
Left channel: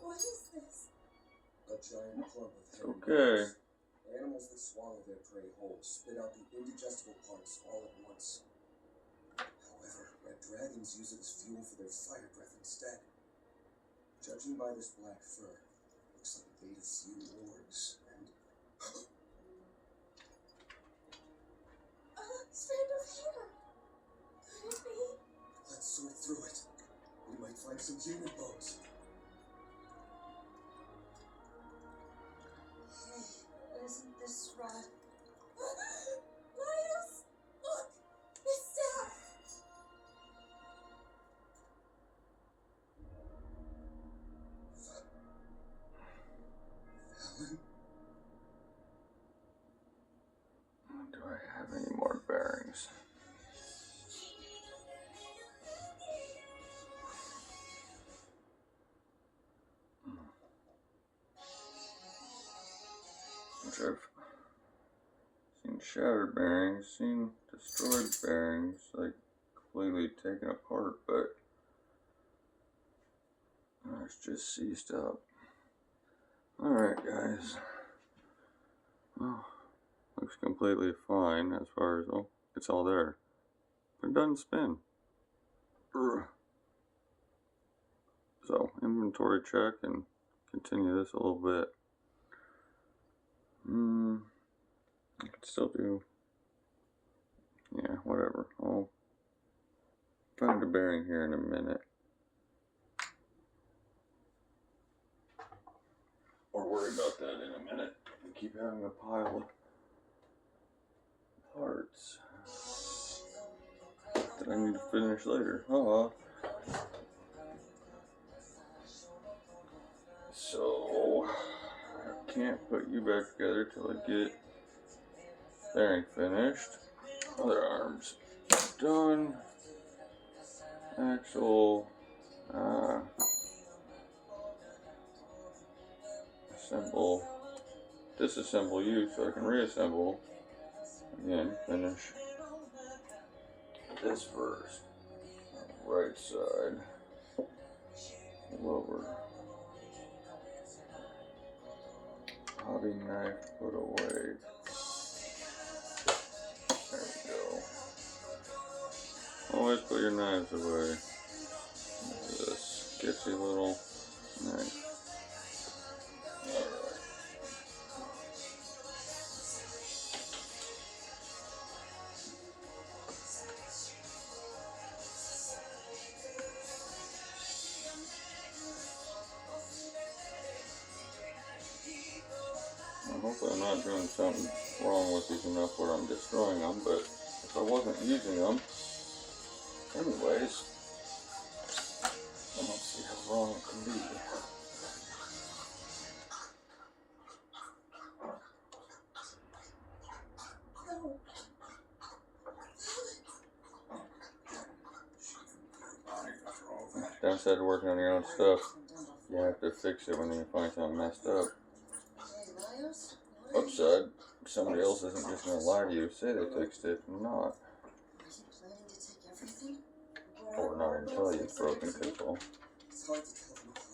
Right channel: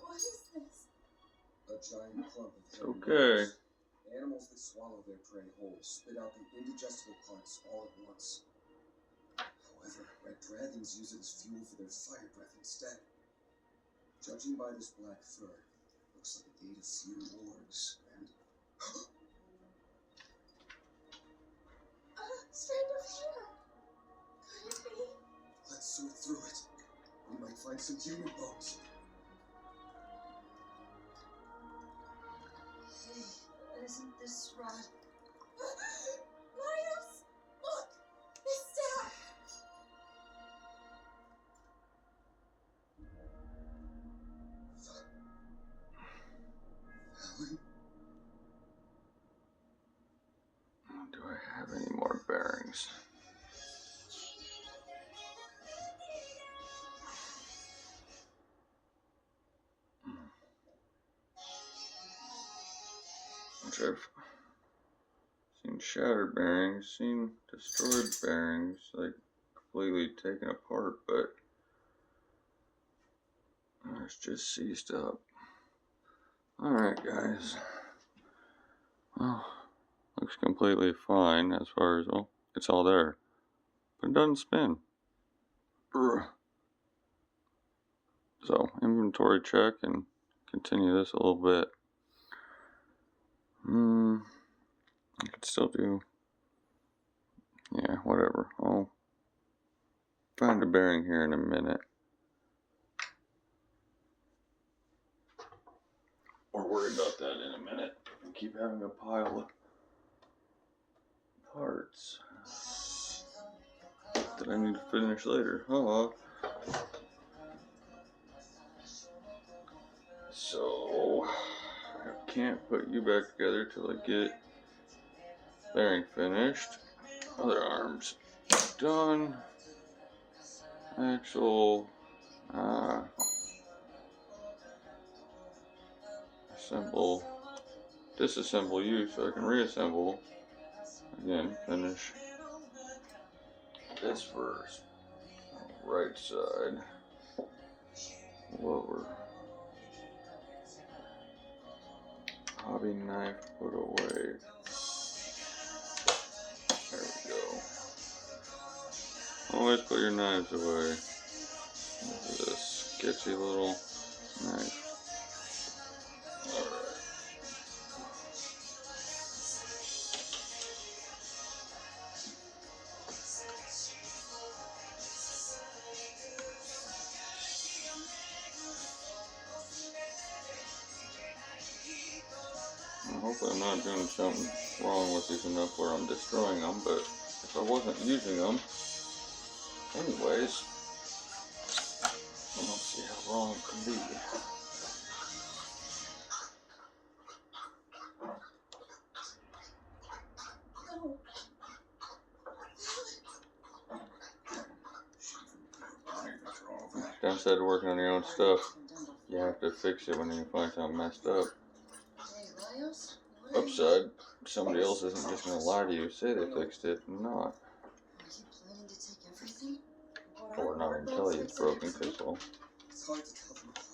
What is this? clump of It's hairy okay. bones. Animals that swallow their prey whole spit out the indigestible parts all at once. However, red dragons use it as fuel for their fire breath instead. Judging by this black fur, looks like a gate of few wargs, and Strand of hair. Could it be? let's sort through it. We might find some human bones. Hey, isn't this rod? Miles! Look! His staff! Fallon? Do I have any more bearings? Which I've seen shattered bearings, seen destroyed bearings, like completely taken apart, but it's just seized up. Alright, guys. Well, looks completely fine as far as, well, it's all there. But it doesn't spin. Brr. So, inventory check and continue this a little bit. I could still do, yeah, whatever. I'll find a bearing here in a minute. Or worry about that in a minute. We keep having a pile of parts that I need to finish later. So, I can't put you back together till I get bearing finished. Other arms done. Axle. Assemble. Disassemble you so I can reassemble. Again, finish this first. Right side. Lower. Hobby knife put away. There we go. Always put your knives away. This sketchy little knife. Alright. Hopefully I'm not doing something wrong with these enough where I'm destroying them, but if I wasn't using them anyways, I don't see how wrong it can be. No. Downside to working on your own stuff, you have to fix it when you find something messed up. Hey, Miles, what are you? Upside, somebody else isn't just going to lie to you, say they fixed it, and not. Are you planning to take everything? Or not even tell you it's broken, because, well, It's hard to tell them apart.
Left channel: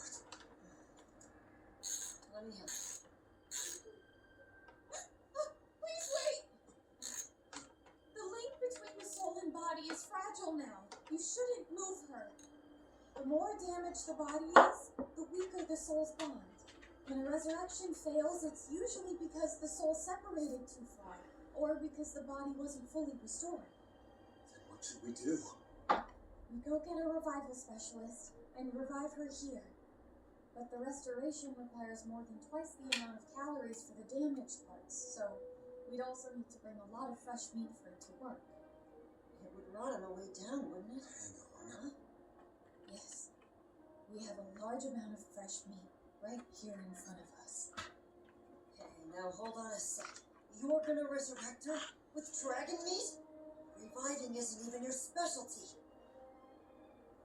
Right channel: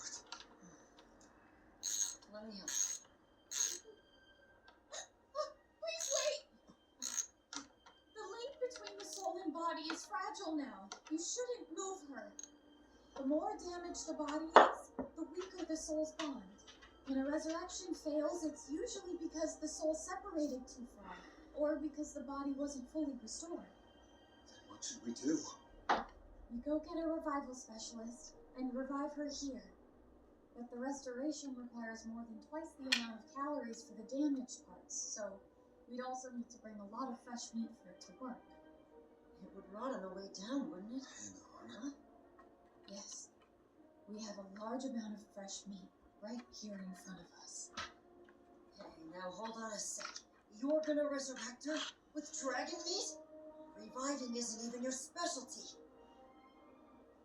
Let me help. Please wait! The link between the soul and body is fragile now. You shouldn't move her. The more damaged the body is, the weaker the soul's bond. When a resurrection fails, it's usually because the soul separated too far, or because the body wasn't fully restored. Then what should we do? You go get a revival specialist and revive her here. But the restoration requires more than twice the amount of calories for the damaged parts, so we'd also need to bring a lot of fresh meat for it to work. It would rot on the way down, wouldn't it? Hang on. Huh? Yes, we have a large amount of fresh meat right here in front of us. Hey, now hold on a sec. You're gonna resurrect her with dragon meat? Reviving isn't even your specialty.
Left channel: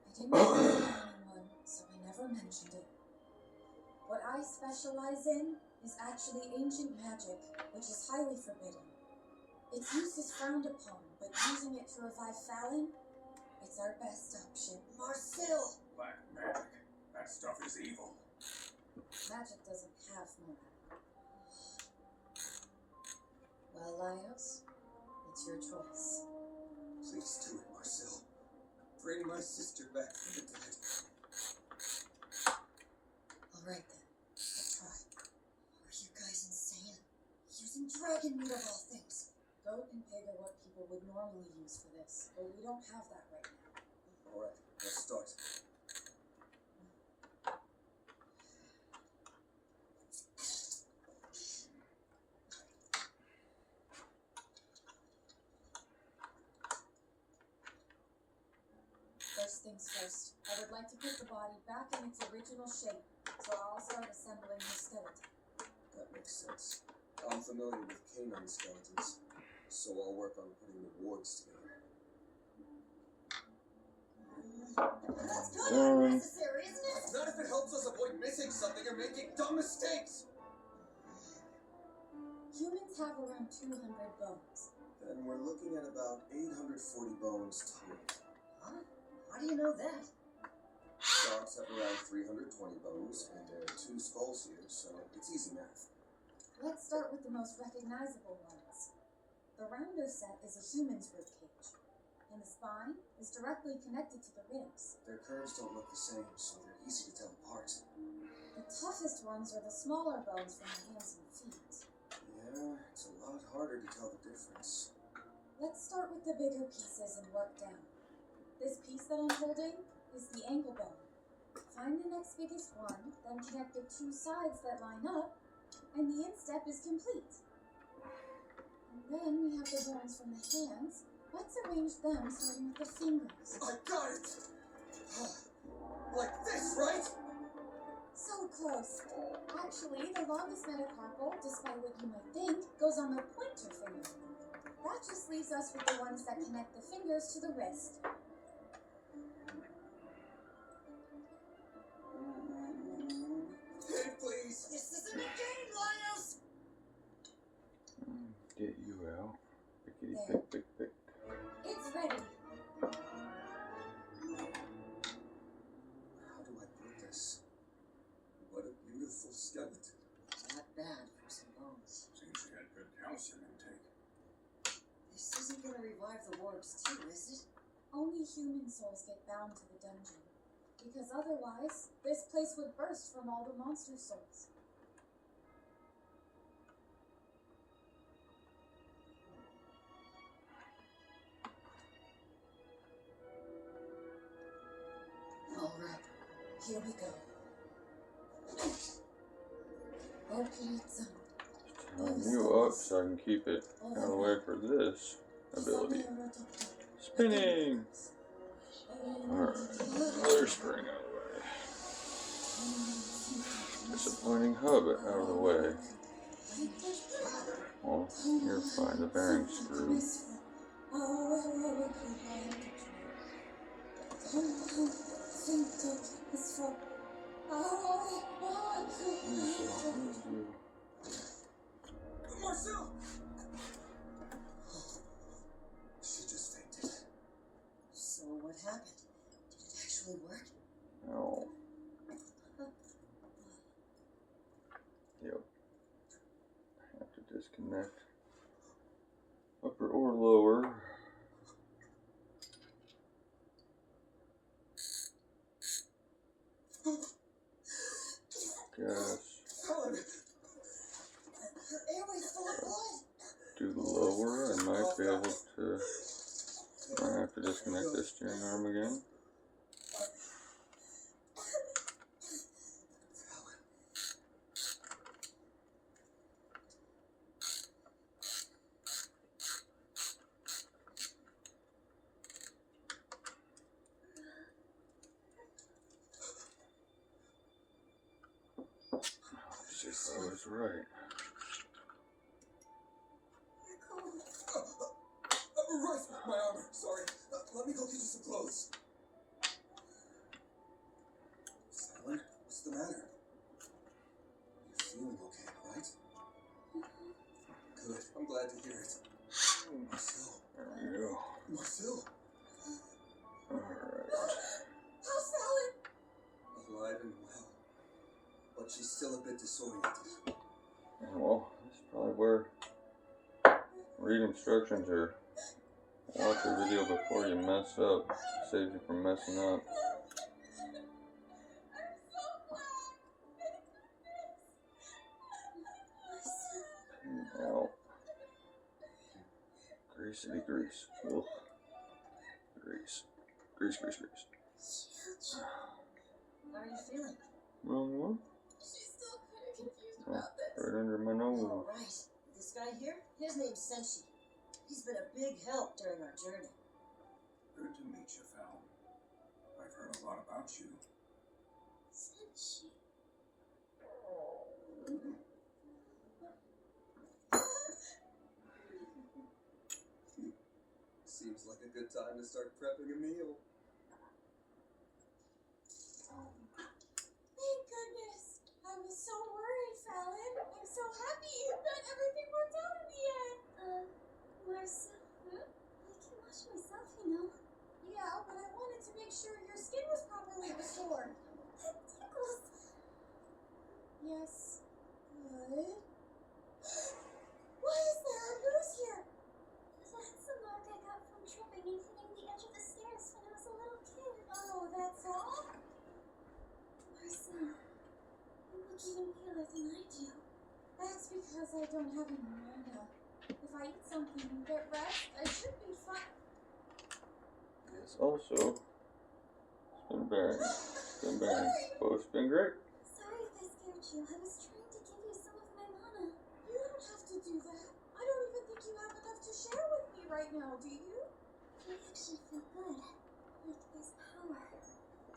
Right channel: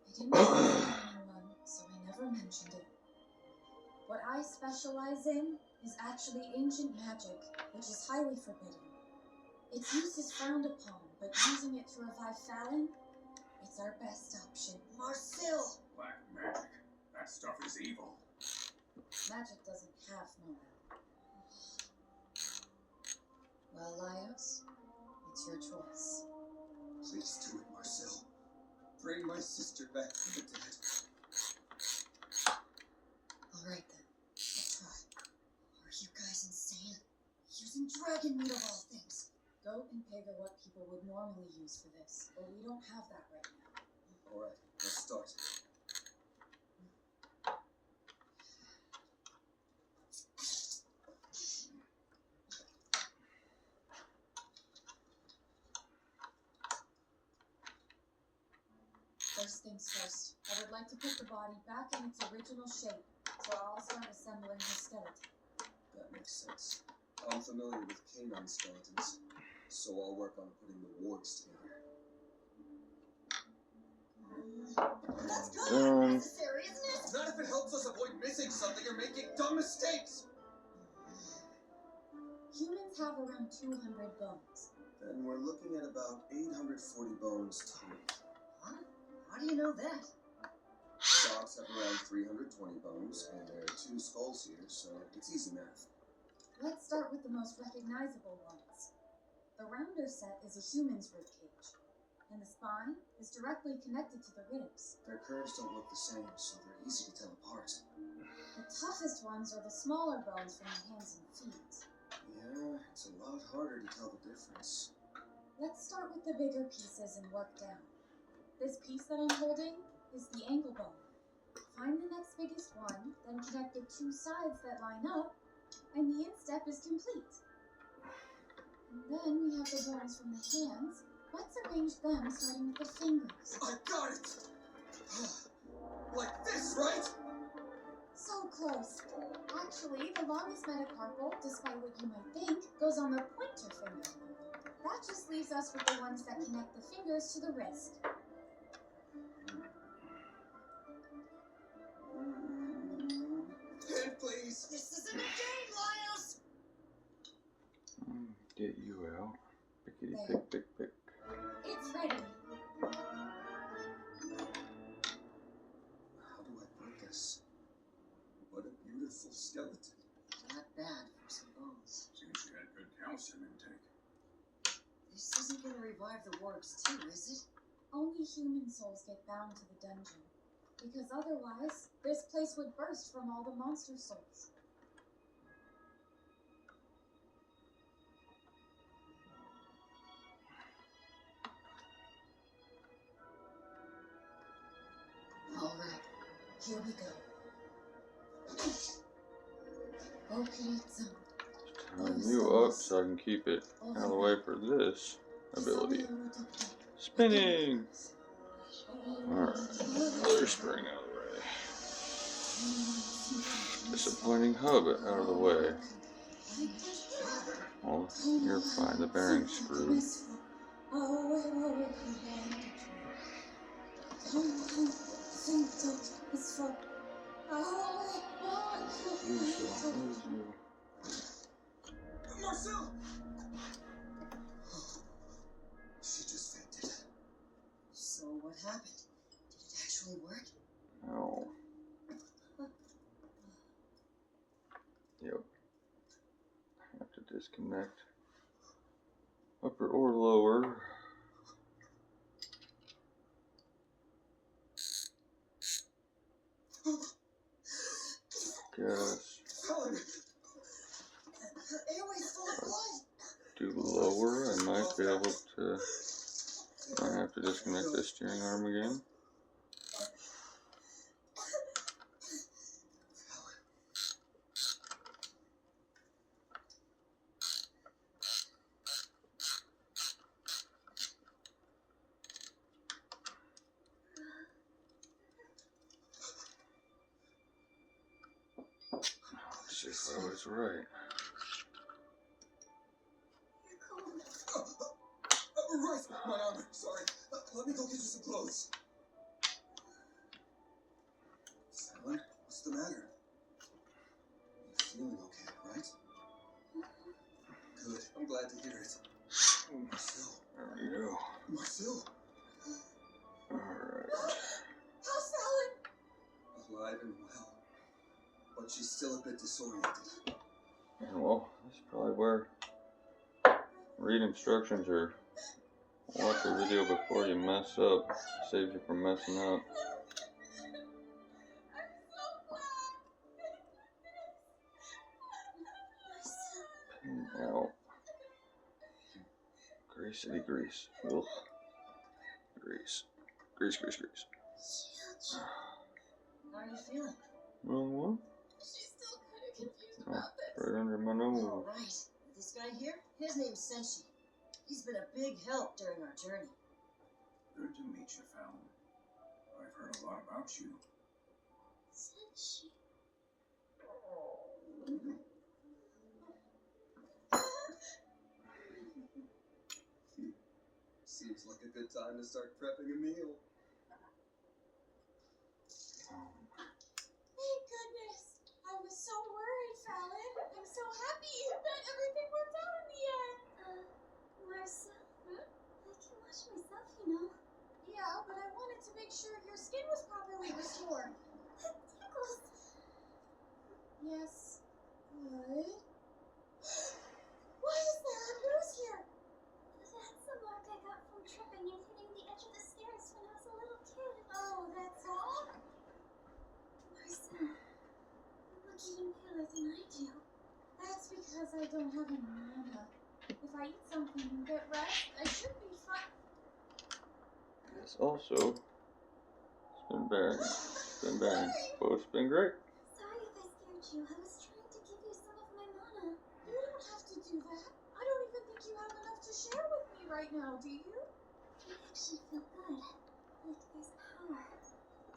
I didn't want to tell anyone, so I never mentioned it. What I specialize in is actually ancient magic, which is highly forbidden. Its use is frowned upon, but using it to revive Fallon, it's our best option. Marcel! Black magic. That stuff is evil. Magic doesn't have morale. Laios, it's your choice. Please do it, Marcel. Bring my sister back from the dead. Alright then, I'll try. Are you guys insane? Using dragon meat of all things. Goat and pig are what people would normally use for this, but we don't have that right now. Alright, let's start. First things first, I would like to put the body back in its original shape, so I'll start assembling her skeleton. That makes sense. I'm familiar with canine skeletons, so I'll work on putting the wargs together. That's kind of unnecessary, isn't it? Not if it helps us avoid missing something or making dumb mistakes! Humans have around 200 bones. Then we're looking at about 840 bones total. Huh? How do you know that? Dogs have around 320 bones, and there are 2 skulls here, so it's easy math. Let's start with the most recognizable ones. The rounder set is a human's rib cage, and the spine is directly connected to the ribs. Their curves don't look the same, so they're easy to tell apart. The toughest ones are the smaller bones from the hands and feet. Yeah, it's a lot harder to tell the difference. Let's start with the bigger pieces and work down. This piece that I'm holding is the ankle bone. Find the next biggest one, then connect the 2 sides that line up, and the instep is complete. And then we have the bones from the hands. Let's arrange them starting with the fingers. I got it! Like this, right? So close. Actually, the longest metacarpal, despite what you might think, goes on the pointer finger. That just leaves us with the ones that connect the fingers to the wrist. Pin, please! This isn't a game, Laios! Get you out. Pickety There. pick, pick, pick. It's ready. How do I put this? What a beautiful skeleton. Not bad for some bones. Seems she had good calcium intake. This isn't gonna revive the wargs too, is it? Only human souls get bound to the dungeon. Because otherwise, this place would burst from all the monster souls. Alright, here we go. Open it some. Turn you up so I can keep it out of the way for this ability. Spinning! Alright, another spring out of the way. Disappointing hobbit out of the way. Oh, you're fine, the bearing's screwed. Marcel! She just fainted. So what happened? Did it actually work? Oh. Yep. Have to disconnect. Upper or lower. Gas. Helen! Her airway's full of blood. Do lower. I might be able to. I have to disconnect the steering arm again. Let's see if I was right. Right, my armor. Sorry. Let me go get you some clothes. Helen, what's the matter? You're feeling okay, right? Good. I'm glad to hear it. Marcel. There we go. Marcel. Alright. How's Helen? Alive and well. But she's still a bit disoriented. And well, that's probably where read instructions or watch a video before you mess up. Saves you from messing up. I'm so glad. Out. Greasy grease. Ugh. Grease. Grease. How are you feeling? Wrong one? She's still kind of confused Oh, about this. right under my nose. All right. This guy here, his name's Senshi. He's been a big help during our journey. Good to meet you, Fallon. I've heard a lot about you. Senshi. Seems like a good time to start prepping a meal. Thank goodness. I was so worried, Fallon. I'm so happy that everything worked out in the end. Marissa, Huh? I can wash myself, you know. Yeah, but I wanted to make sure your skin was properly restored. It tickles. Yes. Good. Why is there a bruise here? That's a mark I got from tripping and hitting the edge of the stairs when I was a little kid. Oh, that's all? Marissa, you look even paler than I do. That's because I don't have any mana. If I eat something and get rest, I should be fine. It's also been bearing. Both been great. Sorry if I scared you. I was trying to give you some of my mana. You don't have to do that. I don't even think you have enough to share with me right now, do you? I actually feel good. Like there's power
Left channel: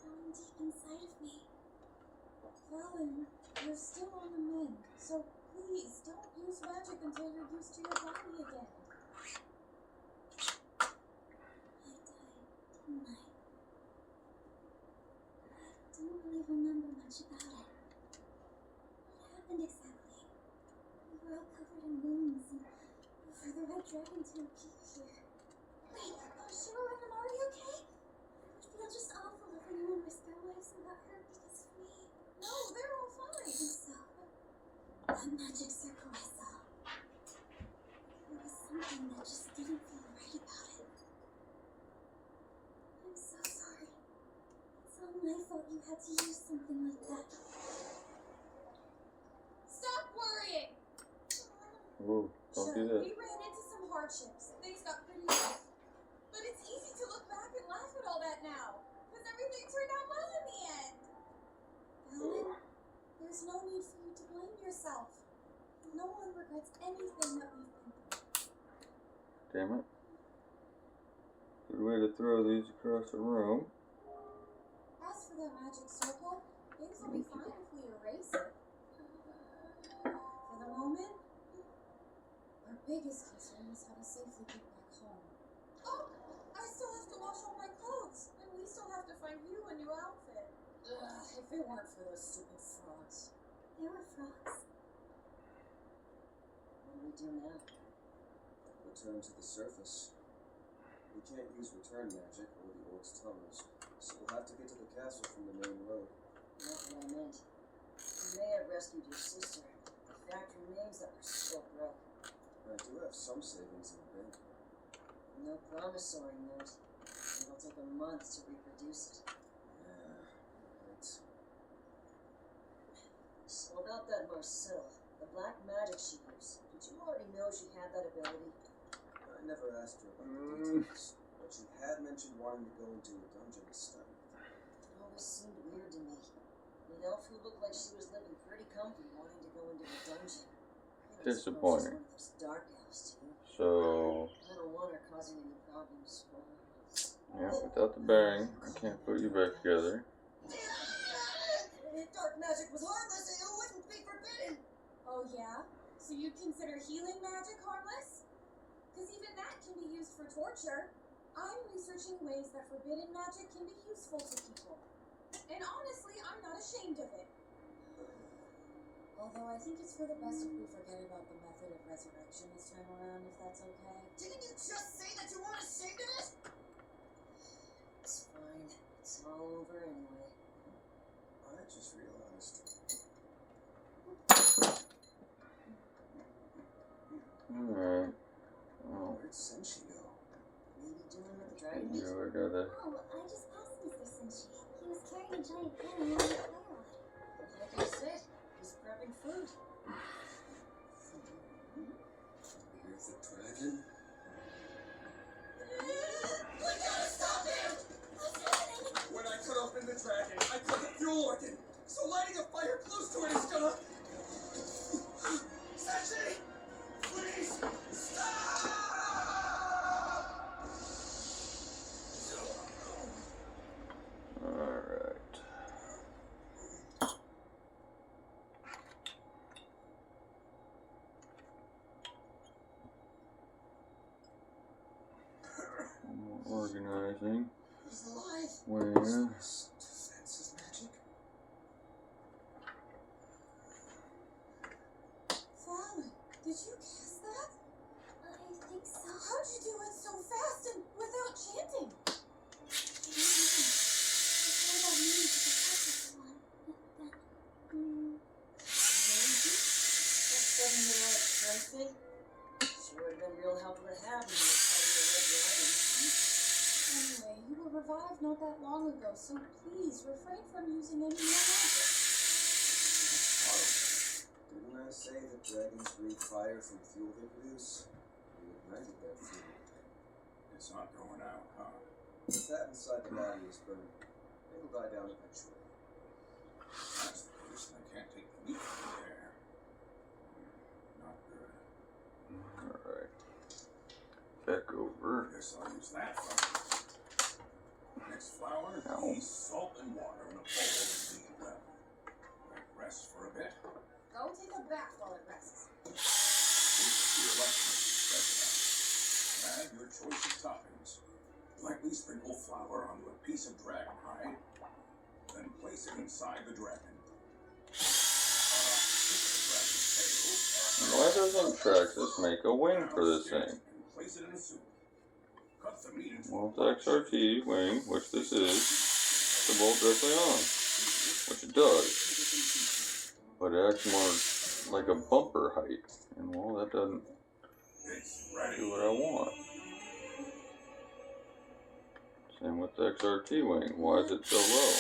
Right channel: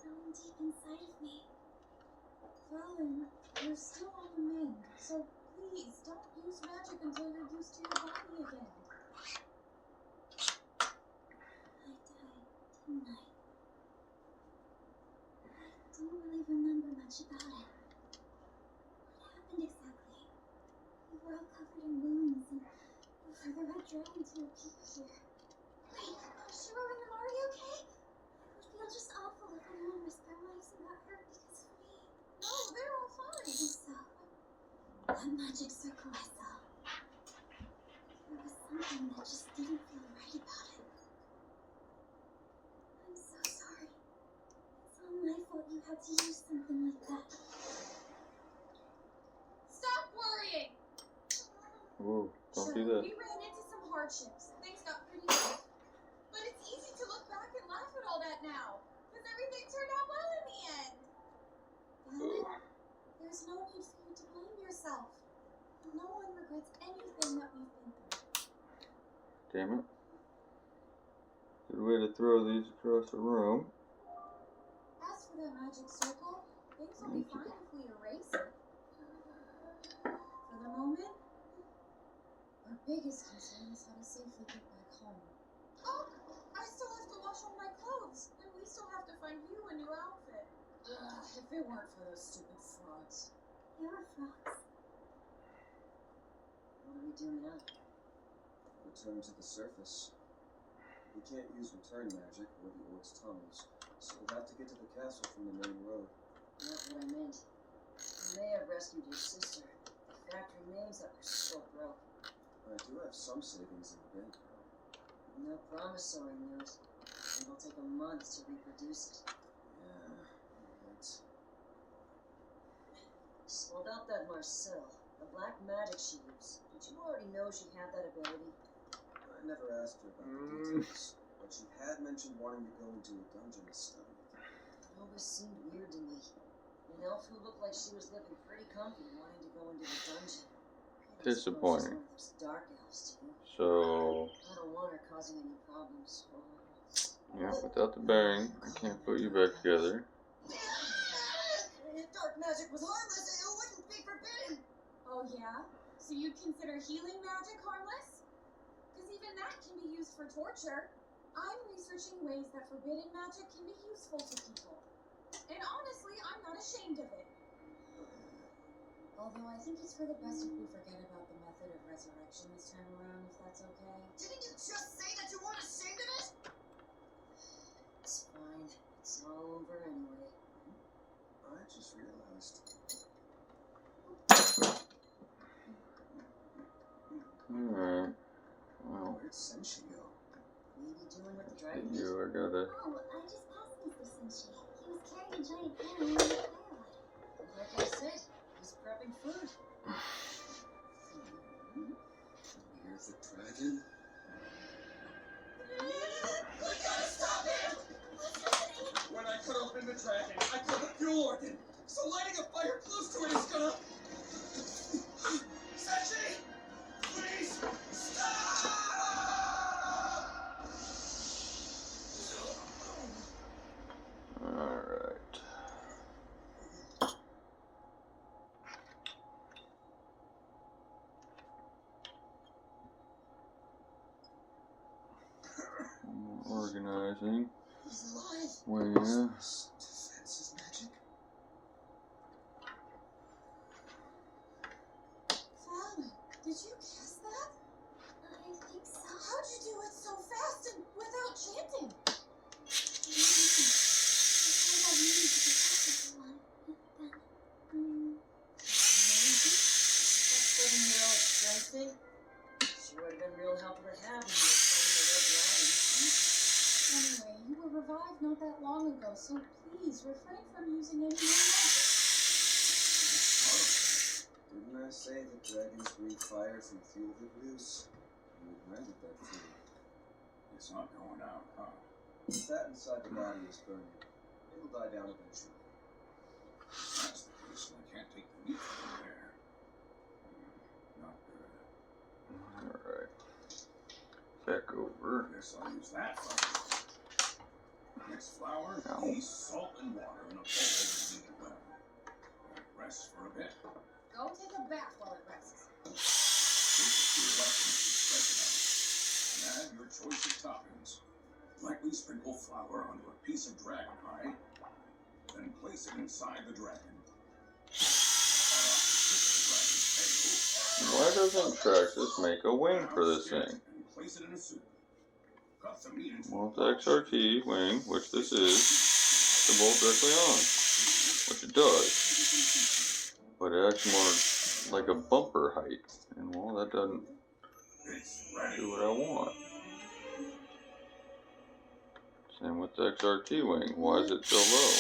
going deep inside of me. Fallon, you're still on the mend, so please don't use magic until you're used to your body again. I died, didn't I? I don't really remember much about it. What happened exactly? We were all covered in wounds, and for the red dragon to appear here. Wait, Shiro and them, are you okay? It would feel just awful if anyone risked their lives and got hurt because of me. No, they're all fine. So, that magic circle I saw. There was something that just didn't feel right about it. I'm so sorry. It's all my fault you had to use something like that. Stop worrying! Whoa, don't do Sure, that. we ran into some hardships. Things got pretty rough. But it's easy to look back and laugh at all that now. Because everything turned out well in the end. Fallon, there's no need for you to blame yourself. No one regrets anything that we've been through. Damn it. Good way to throw these across the room. As for that magic circle, things will be fine if we erase it. For the moment, our biggest concern is how to safely get back home. Oh, I still have to wash all my clothes, and we still have to find you a new outfit. If it weren't for those stupid frogs. There were frogs. What do we do now? Return to the surface. We can't use return magic or the orc's tunnels, so we'll have to get to the castle from the main road. Not what I meant. You may have rescued your sister. The fact remains that we're still broke. I do have some savings in the bank, though. No promissory note. It'll take a month to reproduce it. Yeah, right. So about that Marcel, the black magic she used. Did you already know she had that ability? I never asked her about the details, but she had mentioned wanting to go into a dungeon to study it. It always seemed weird to me. An elf who looked like she was living pretty comfy wanting to go into the dungeon. I don't suppose Disappointing. she's one of those dark elves, too. So, I don't want her causing any problems. yeah, without the bearing, I can't put you back together. If dark magic was harmless, it wouldn't be forbidden. Oh yeah? So you consider healing magic harmless? Because even that can be used for torture. I'm researching ways that forbidden magic can be useful to people. And honestly, I'm not ashamed of it. Although I think it's for the best if we forget about the method of resurrection this time around, if that's okay. Didn't you just say that you weren't ashamed of it? It's fine. It's all over anyway. I just realized. Alright. Where'd Senshi go? Maybe doing with the dragon meat? You are gonna. Oh, I just passed Mr. Senshi. He was carrying a giant pan along the firelight. Like I said, he's prepping food. Here's the dragon. We gotta stop him! What's happening? When I cut open the dragon, I cut the fuel organ. So lighting a fire close to it is gonna... Senshi! Please, stop! Alright. Organizing. He's alive. Where? Defense is magic. Fallon, did you cast that? I think so. How'd you do it so fast and without chanting? All that means is to protect everyone. Maybe. That 7-year-old strength thing? Sure would have been real helpful to have when you were fighting the red dragon. Anyway, you were revived not that long ago, so please refrain from using any more magic. Didn't I say that dragons breathe fire from fuel they produce? You ignited that fuel. It's not going out, huh? If that inside the body is burning, it'll die down eventually. That's the case, and I can't take the meat from there. Not good. Alright. Back over. Guess I'll use that from it. Next flour, Ow. yeast, salt, and water in a bowl and beat it well. Let it rest for a bit. Go take a bath while it rests. Take it to your liking as you spread it out. And add your choice of toppings. Lightly sprinkle flour onto a piece of dragon hide, then place it inside the dragon. Cut off the tip of the dragon's tail. Why doesn't Traxxas make a wing for this Skin it thing? And place it in a soup. Cut the meat into Well, a the XRT wing, which this is, to bolt directly on, which it does, but it acts more like a bumper height, and well, that doesn't It's ready. do what I want. Same with the XRT wing. Why is it so low?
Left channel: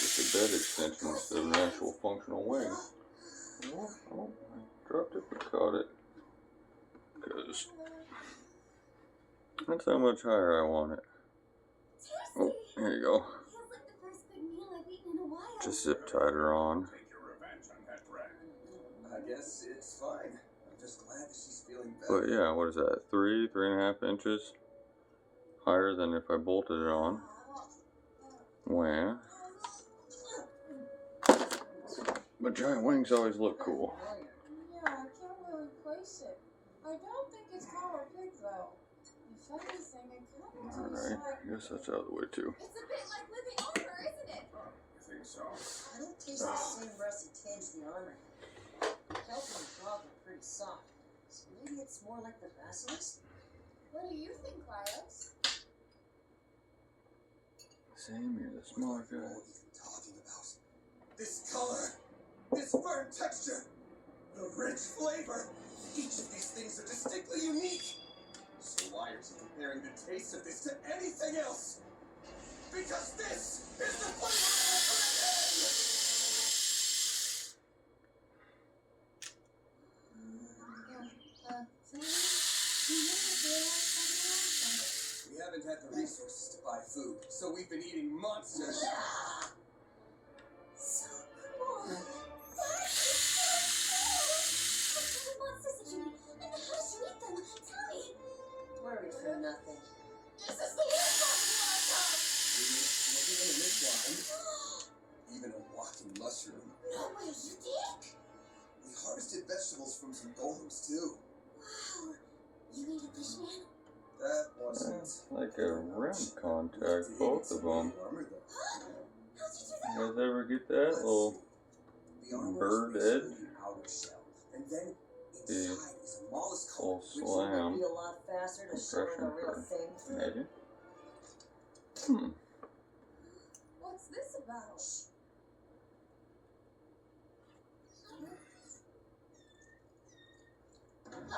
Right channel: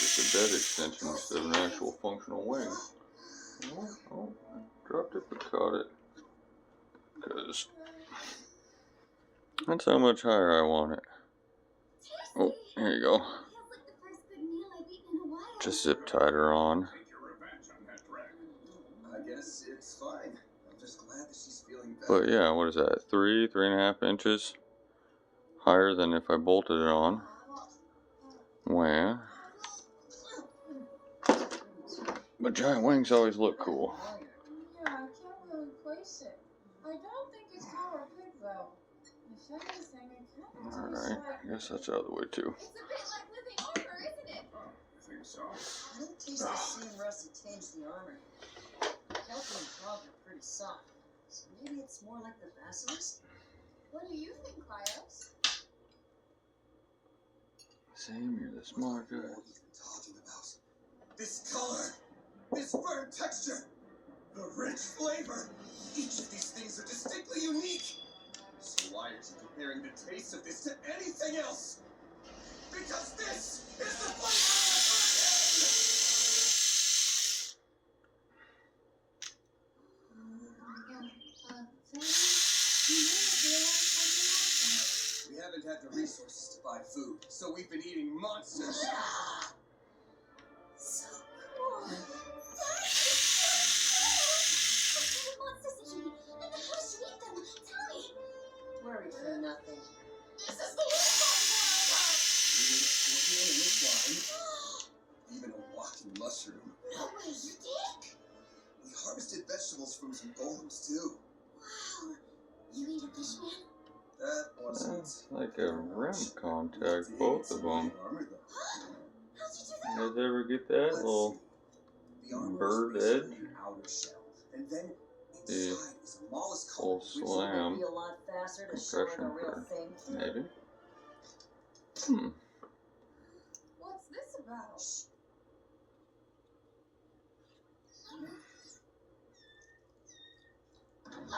Just a bed extension instead of an actual functional wing. Oh, I dropped it but caught it. Because that's how much higher I want it. Oh, here you go. Feels like the first good meal I've eaten in a while. Just zip tied her on. Take your revenge on that dragon. I guess it's fine. I'm just glad that she's feeling better. But yeah, what is that? 3.5 inches higher than if I bolted it on. Well, but giant wings always look cool. Yeah, I can't really place it. I don't think it's power pig though. If anything, it kind of tastes Alright, like... I guess that's out of the way too. It's a bit like living armor, isn't it? Oh, you think so? I don't taste the same rusty tinge the armor had. Kelpie and frog are pretty soft, so maybe it's more like the basilisk? What do you think, Cryos? Same, you're the smart guy. What are you even talking about? This color, this burnt texture, the rich flavor. Each of these things are distinctly unique. So why are you comparing the taste of this to anything else? Because this is the flavor of We haven't had the resources to buy food, so we've been eating monsters. So cool. That is so cool. What kind of monsters did you eat? And how did you eat them? Tell me. Worry for nothing. This is the worst possible outcome. Looking in this wine, even a walking mushroom. No way, you did? We harvested vegetables from some golems too. Wow. You ate a fish man? That wasn't That's like a rim contact, both of them. Armor, though. How'd you do You that? guys ever get that Let's little see. The armor bird is edge? basically an outer shell, and then The inside is a mollusk full coat, which slam Maybe a lot faster to show her the compression real for thing. maybe. What's this about? I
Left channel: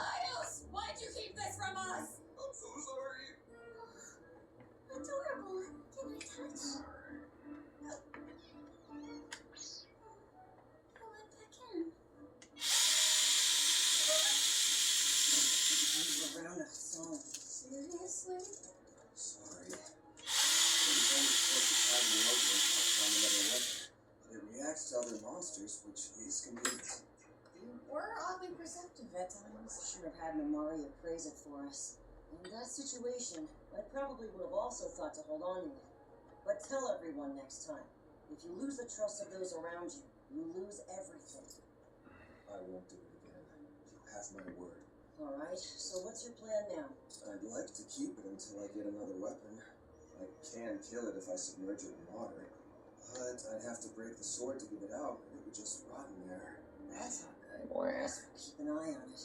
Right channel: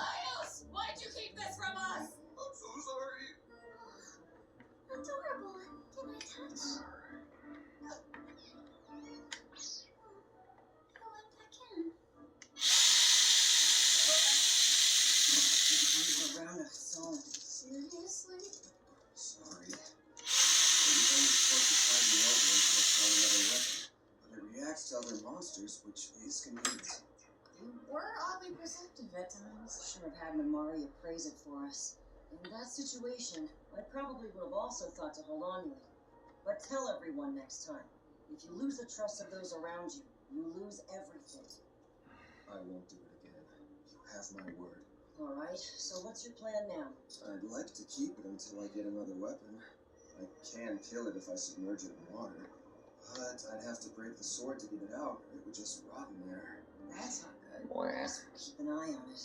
supposed to tide me over until I found another weapon, but it reacts to other monsters, which is convenient. You were oddly perceptive at times. Should have had Mamari appraise it for us. In that situation, I probably would have also thought to hold on to it. But tell everyone next time. If you lose the trust of those around you, you lose everything. I won't do it again. You have my word. Alright, so what's your plan now? I'd like to keep it until I get another weapon. I can kill it if I submerge it in water, but I'd have to break the sword to get it out. It would just rot in there. That's not good. Boy. Guess we'll keep an eye on it.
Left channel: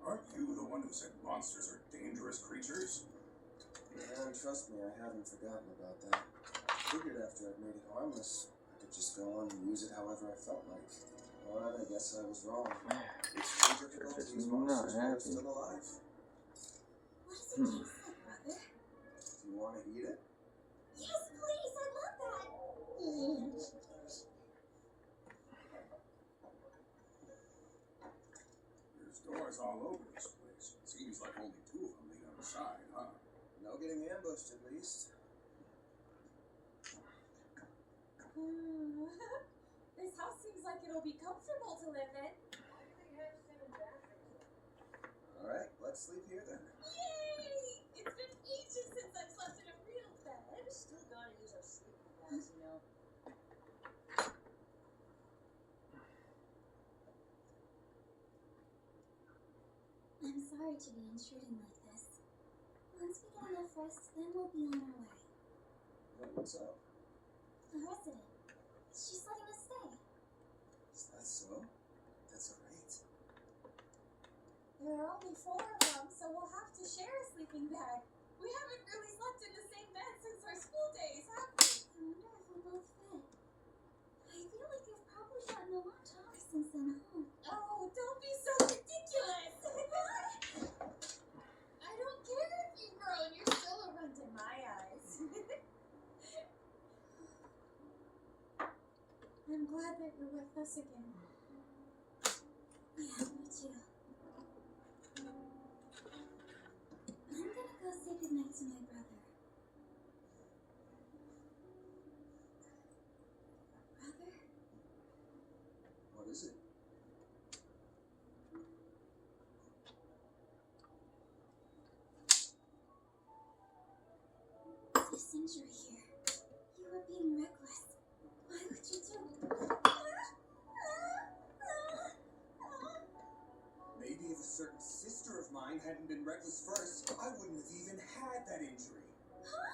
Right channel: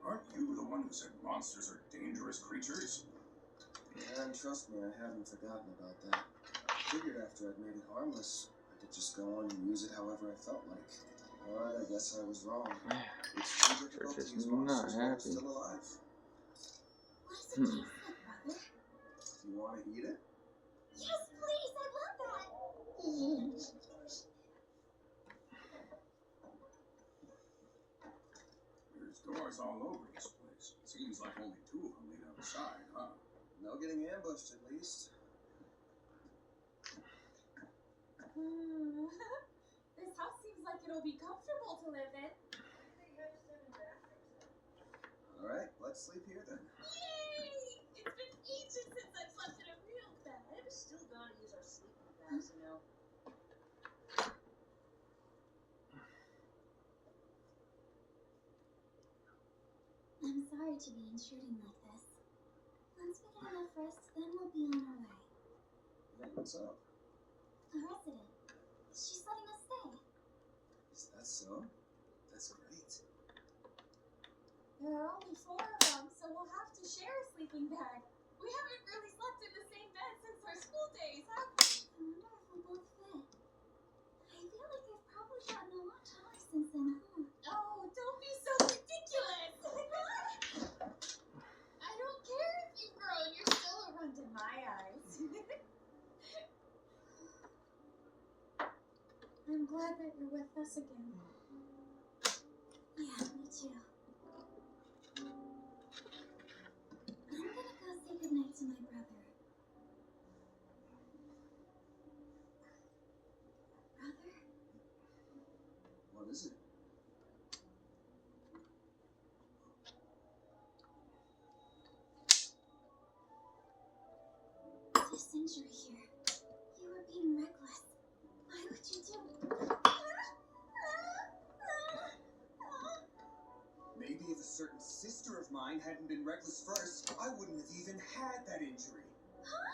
Aren't you the one who said monsters are dangerous creatures? Yeah, and trust me, I haven't forgotten about that. I figured after I'd made it harmless, I could just go on and use it however I felt like. But I guess I was wrong. It's too difficult to use monsters while they're still alive. What does it taste like, brother? Do you want to eat it? Yes, please, I love that! There's doors all over this place. Seems like only 2 of them lead outside, huh? No getting ambushed, at least. This house seems like it'll be comfortable to live in. Why do they have 7 bathrooms then? Alright, let's sleep here then. Yay! It's been ages since I've slept in a real bed. Still gotta use our sleeping bags, you know. I'm sorry to be intruding like this. Once we get enough rest, then we'll be on our way. Hey, what's up? A resident. She's letting us stay. Is that so? That's great. There are only 4 of them, so we'll have to share a sleeping bag. We haven't really slept in the same bed since our school days, have we? I wonder if we'll both fit. I feel like they've probably gotten a lot taller since then, huh? Oh, don't be so ridiculous! I don't care if you've grown, you're still a runt in my eyes. I'm glad that you're with us again. Yeah, me too. I'm gonna go say goodnight to my brother. Brother? What is it? This injury here. You were being reckless. Why would you do? Maybe if a certain sister of mine hadn't been reckless first, I wouldn't have even had that injury. Huh?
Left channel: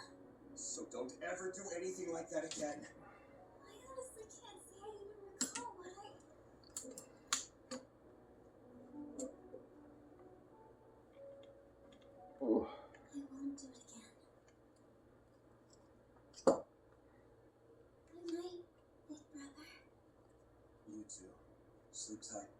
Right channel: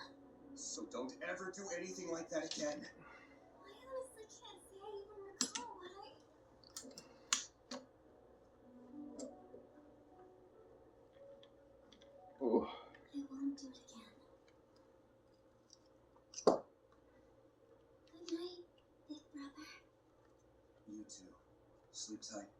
So don't ever do anything like that again. I honestly can't say I even recall what I... Oh. I won't do it again. Good night, big brother. You too. Sleep tight.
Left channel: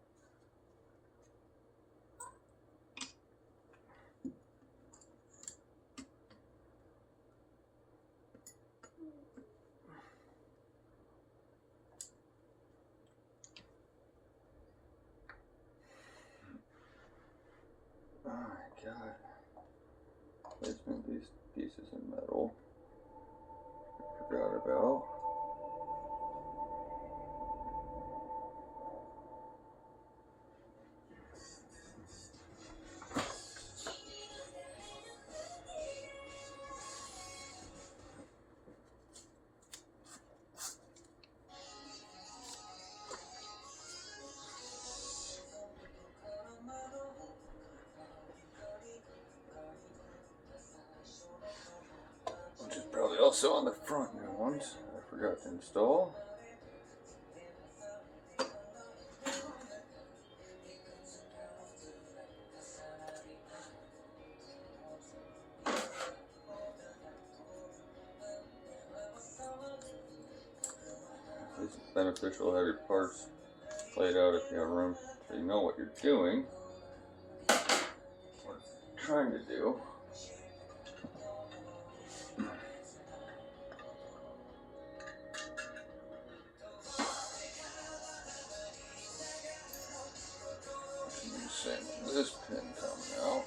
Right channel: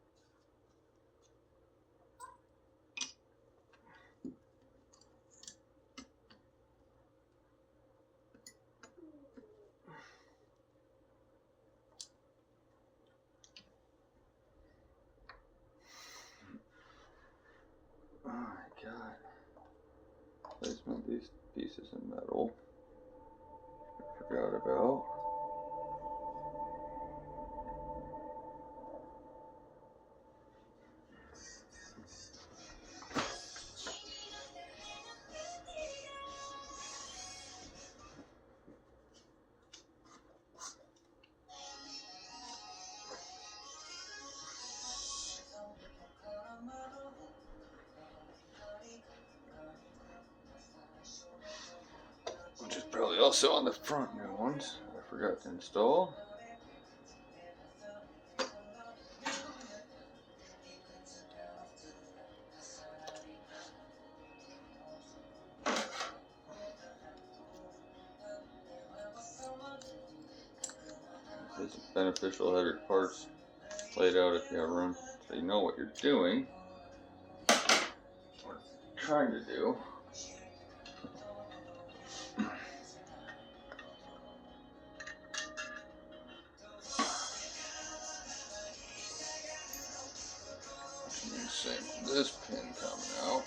Oh my god. Placement these pieces of metal. I forgot about. Which is probably also on the front new ones I forgot to install. It's beneficial to have your parts laid out if you have room so you know what you're doing. What you're trying to do. Same with this pin coming out.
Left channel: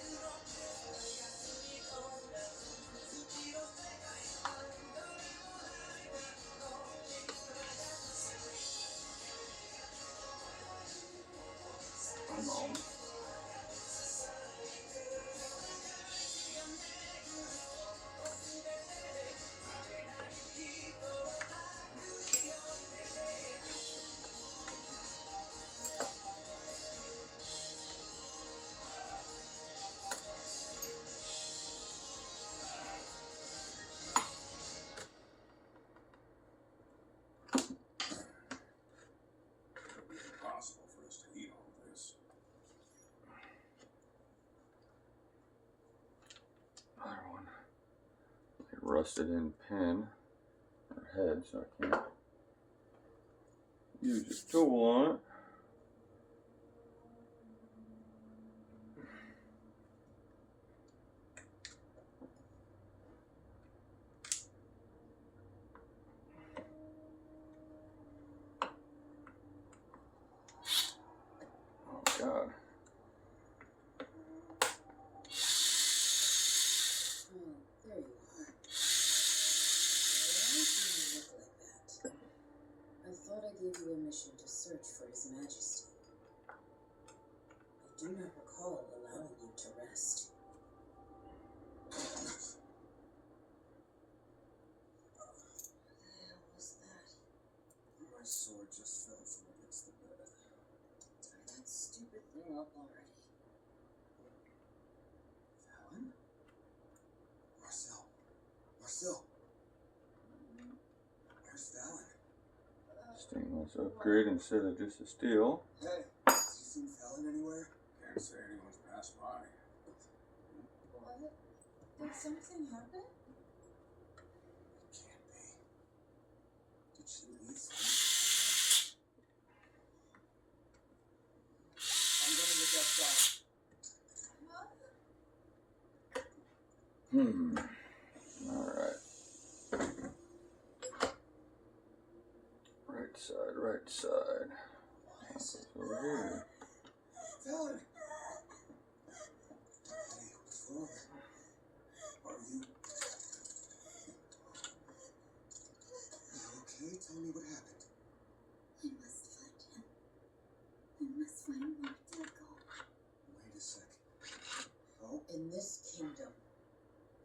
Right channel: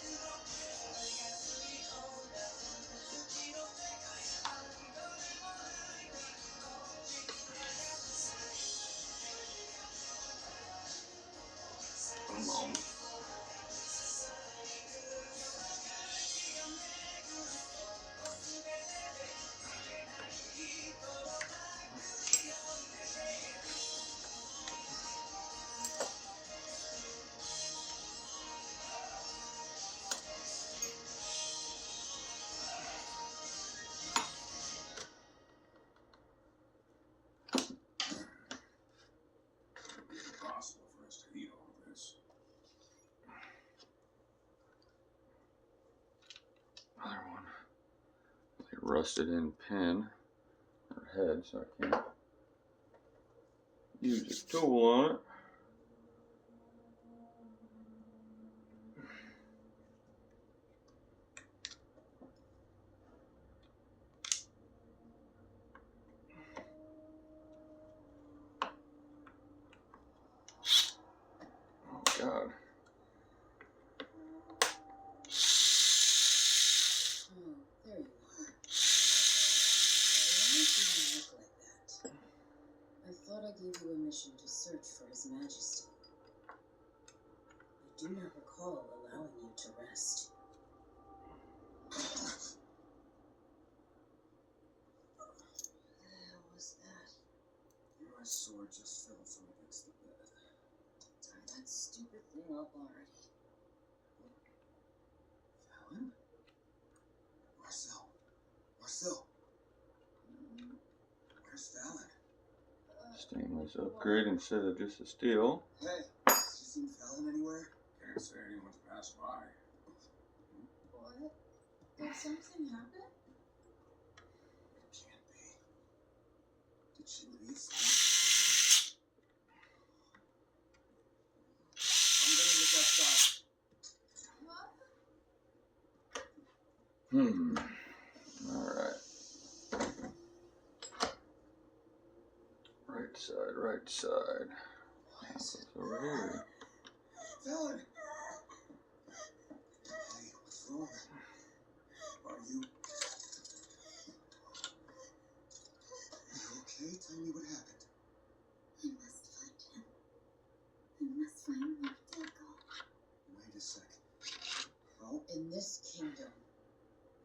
rusted in pin or head, so I can't use a tool on it. Oh God. There you are. Why do you look like that? I thought I gave you a mission to search for His Majesty. I do not recall allowing you to rest. What the hell was that? My sword just fell from against the bed. Tie that stupid thing up already. Fallon? Marcel. Where's Fallon? Stainless upgrade instead of just a steel. Hey, have you seen Fallon anywhere? Can't say anyone's passed by. What? Did something happen? It can't be. Did she leave? I'm gonna look outside. Huh? Alright. Right side. What's over here? Fallon! Hey, what's wrong? Are you okay? Tell me what happened. I must find him. I must find Martico. Wait a sec. Oh, In this kingdom,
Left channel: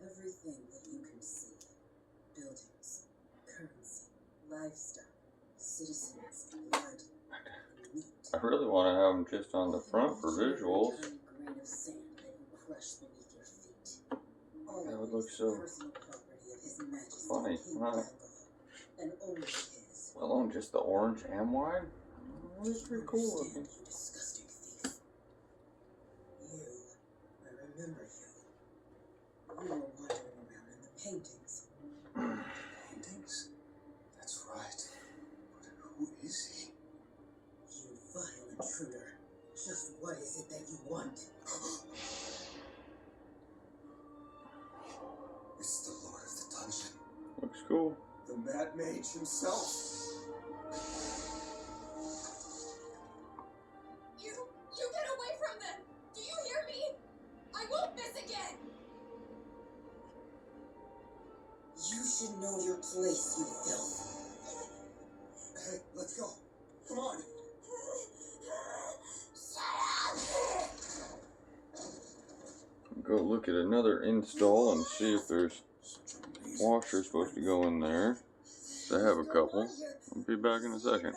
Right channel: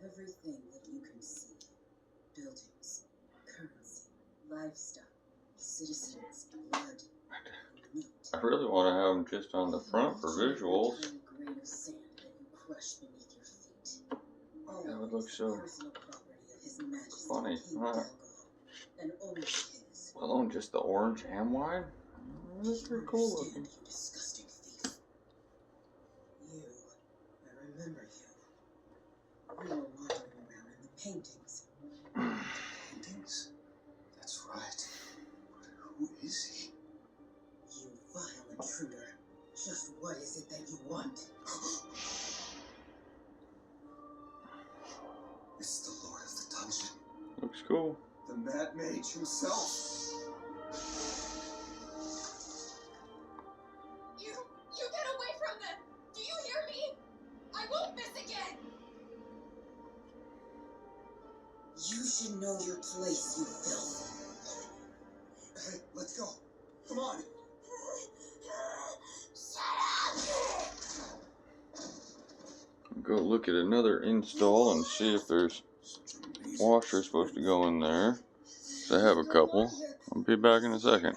everything that you can see, buildings, currency, livestock, citizens, blood, meat. I really want to have them just on the front for visuals. Every grain of sand that you crush beneath your feet. All That of would it look is so the personal property of His Majesty funny, King huh? Dalgo, and only his. Well, on just the orange and white? That's pretty cool looking. You disgusting thief. You, I remember you. You were wandering around in the paintings. paintings? That's right. But who is he? You vile intruder. Just what is it that you want? It's the Lord of the Dungeon. Looks cool. The Mad Mage himself. You get away from them! Do you hear me? I won't miss again! You should know your place, you filth. Hey, let's go. Come on. Go look at another install and see if there's washers supposed to go in there. They have a couple. I'll be back in a second.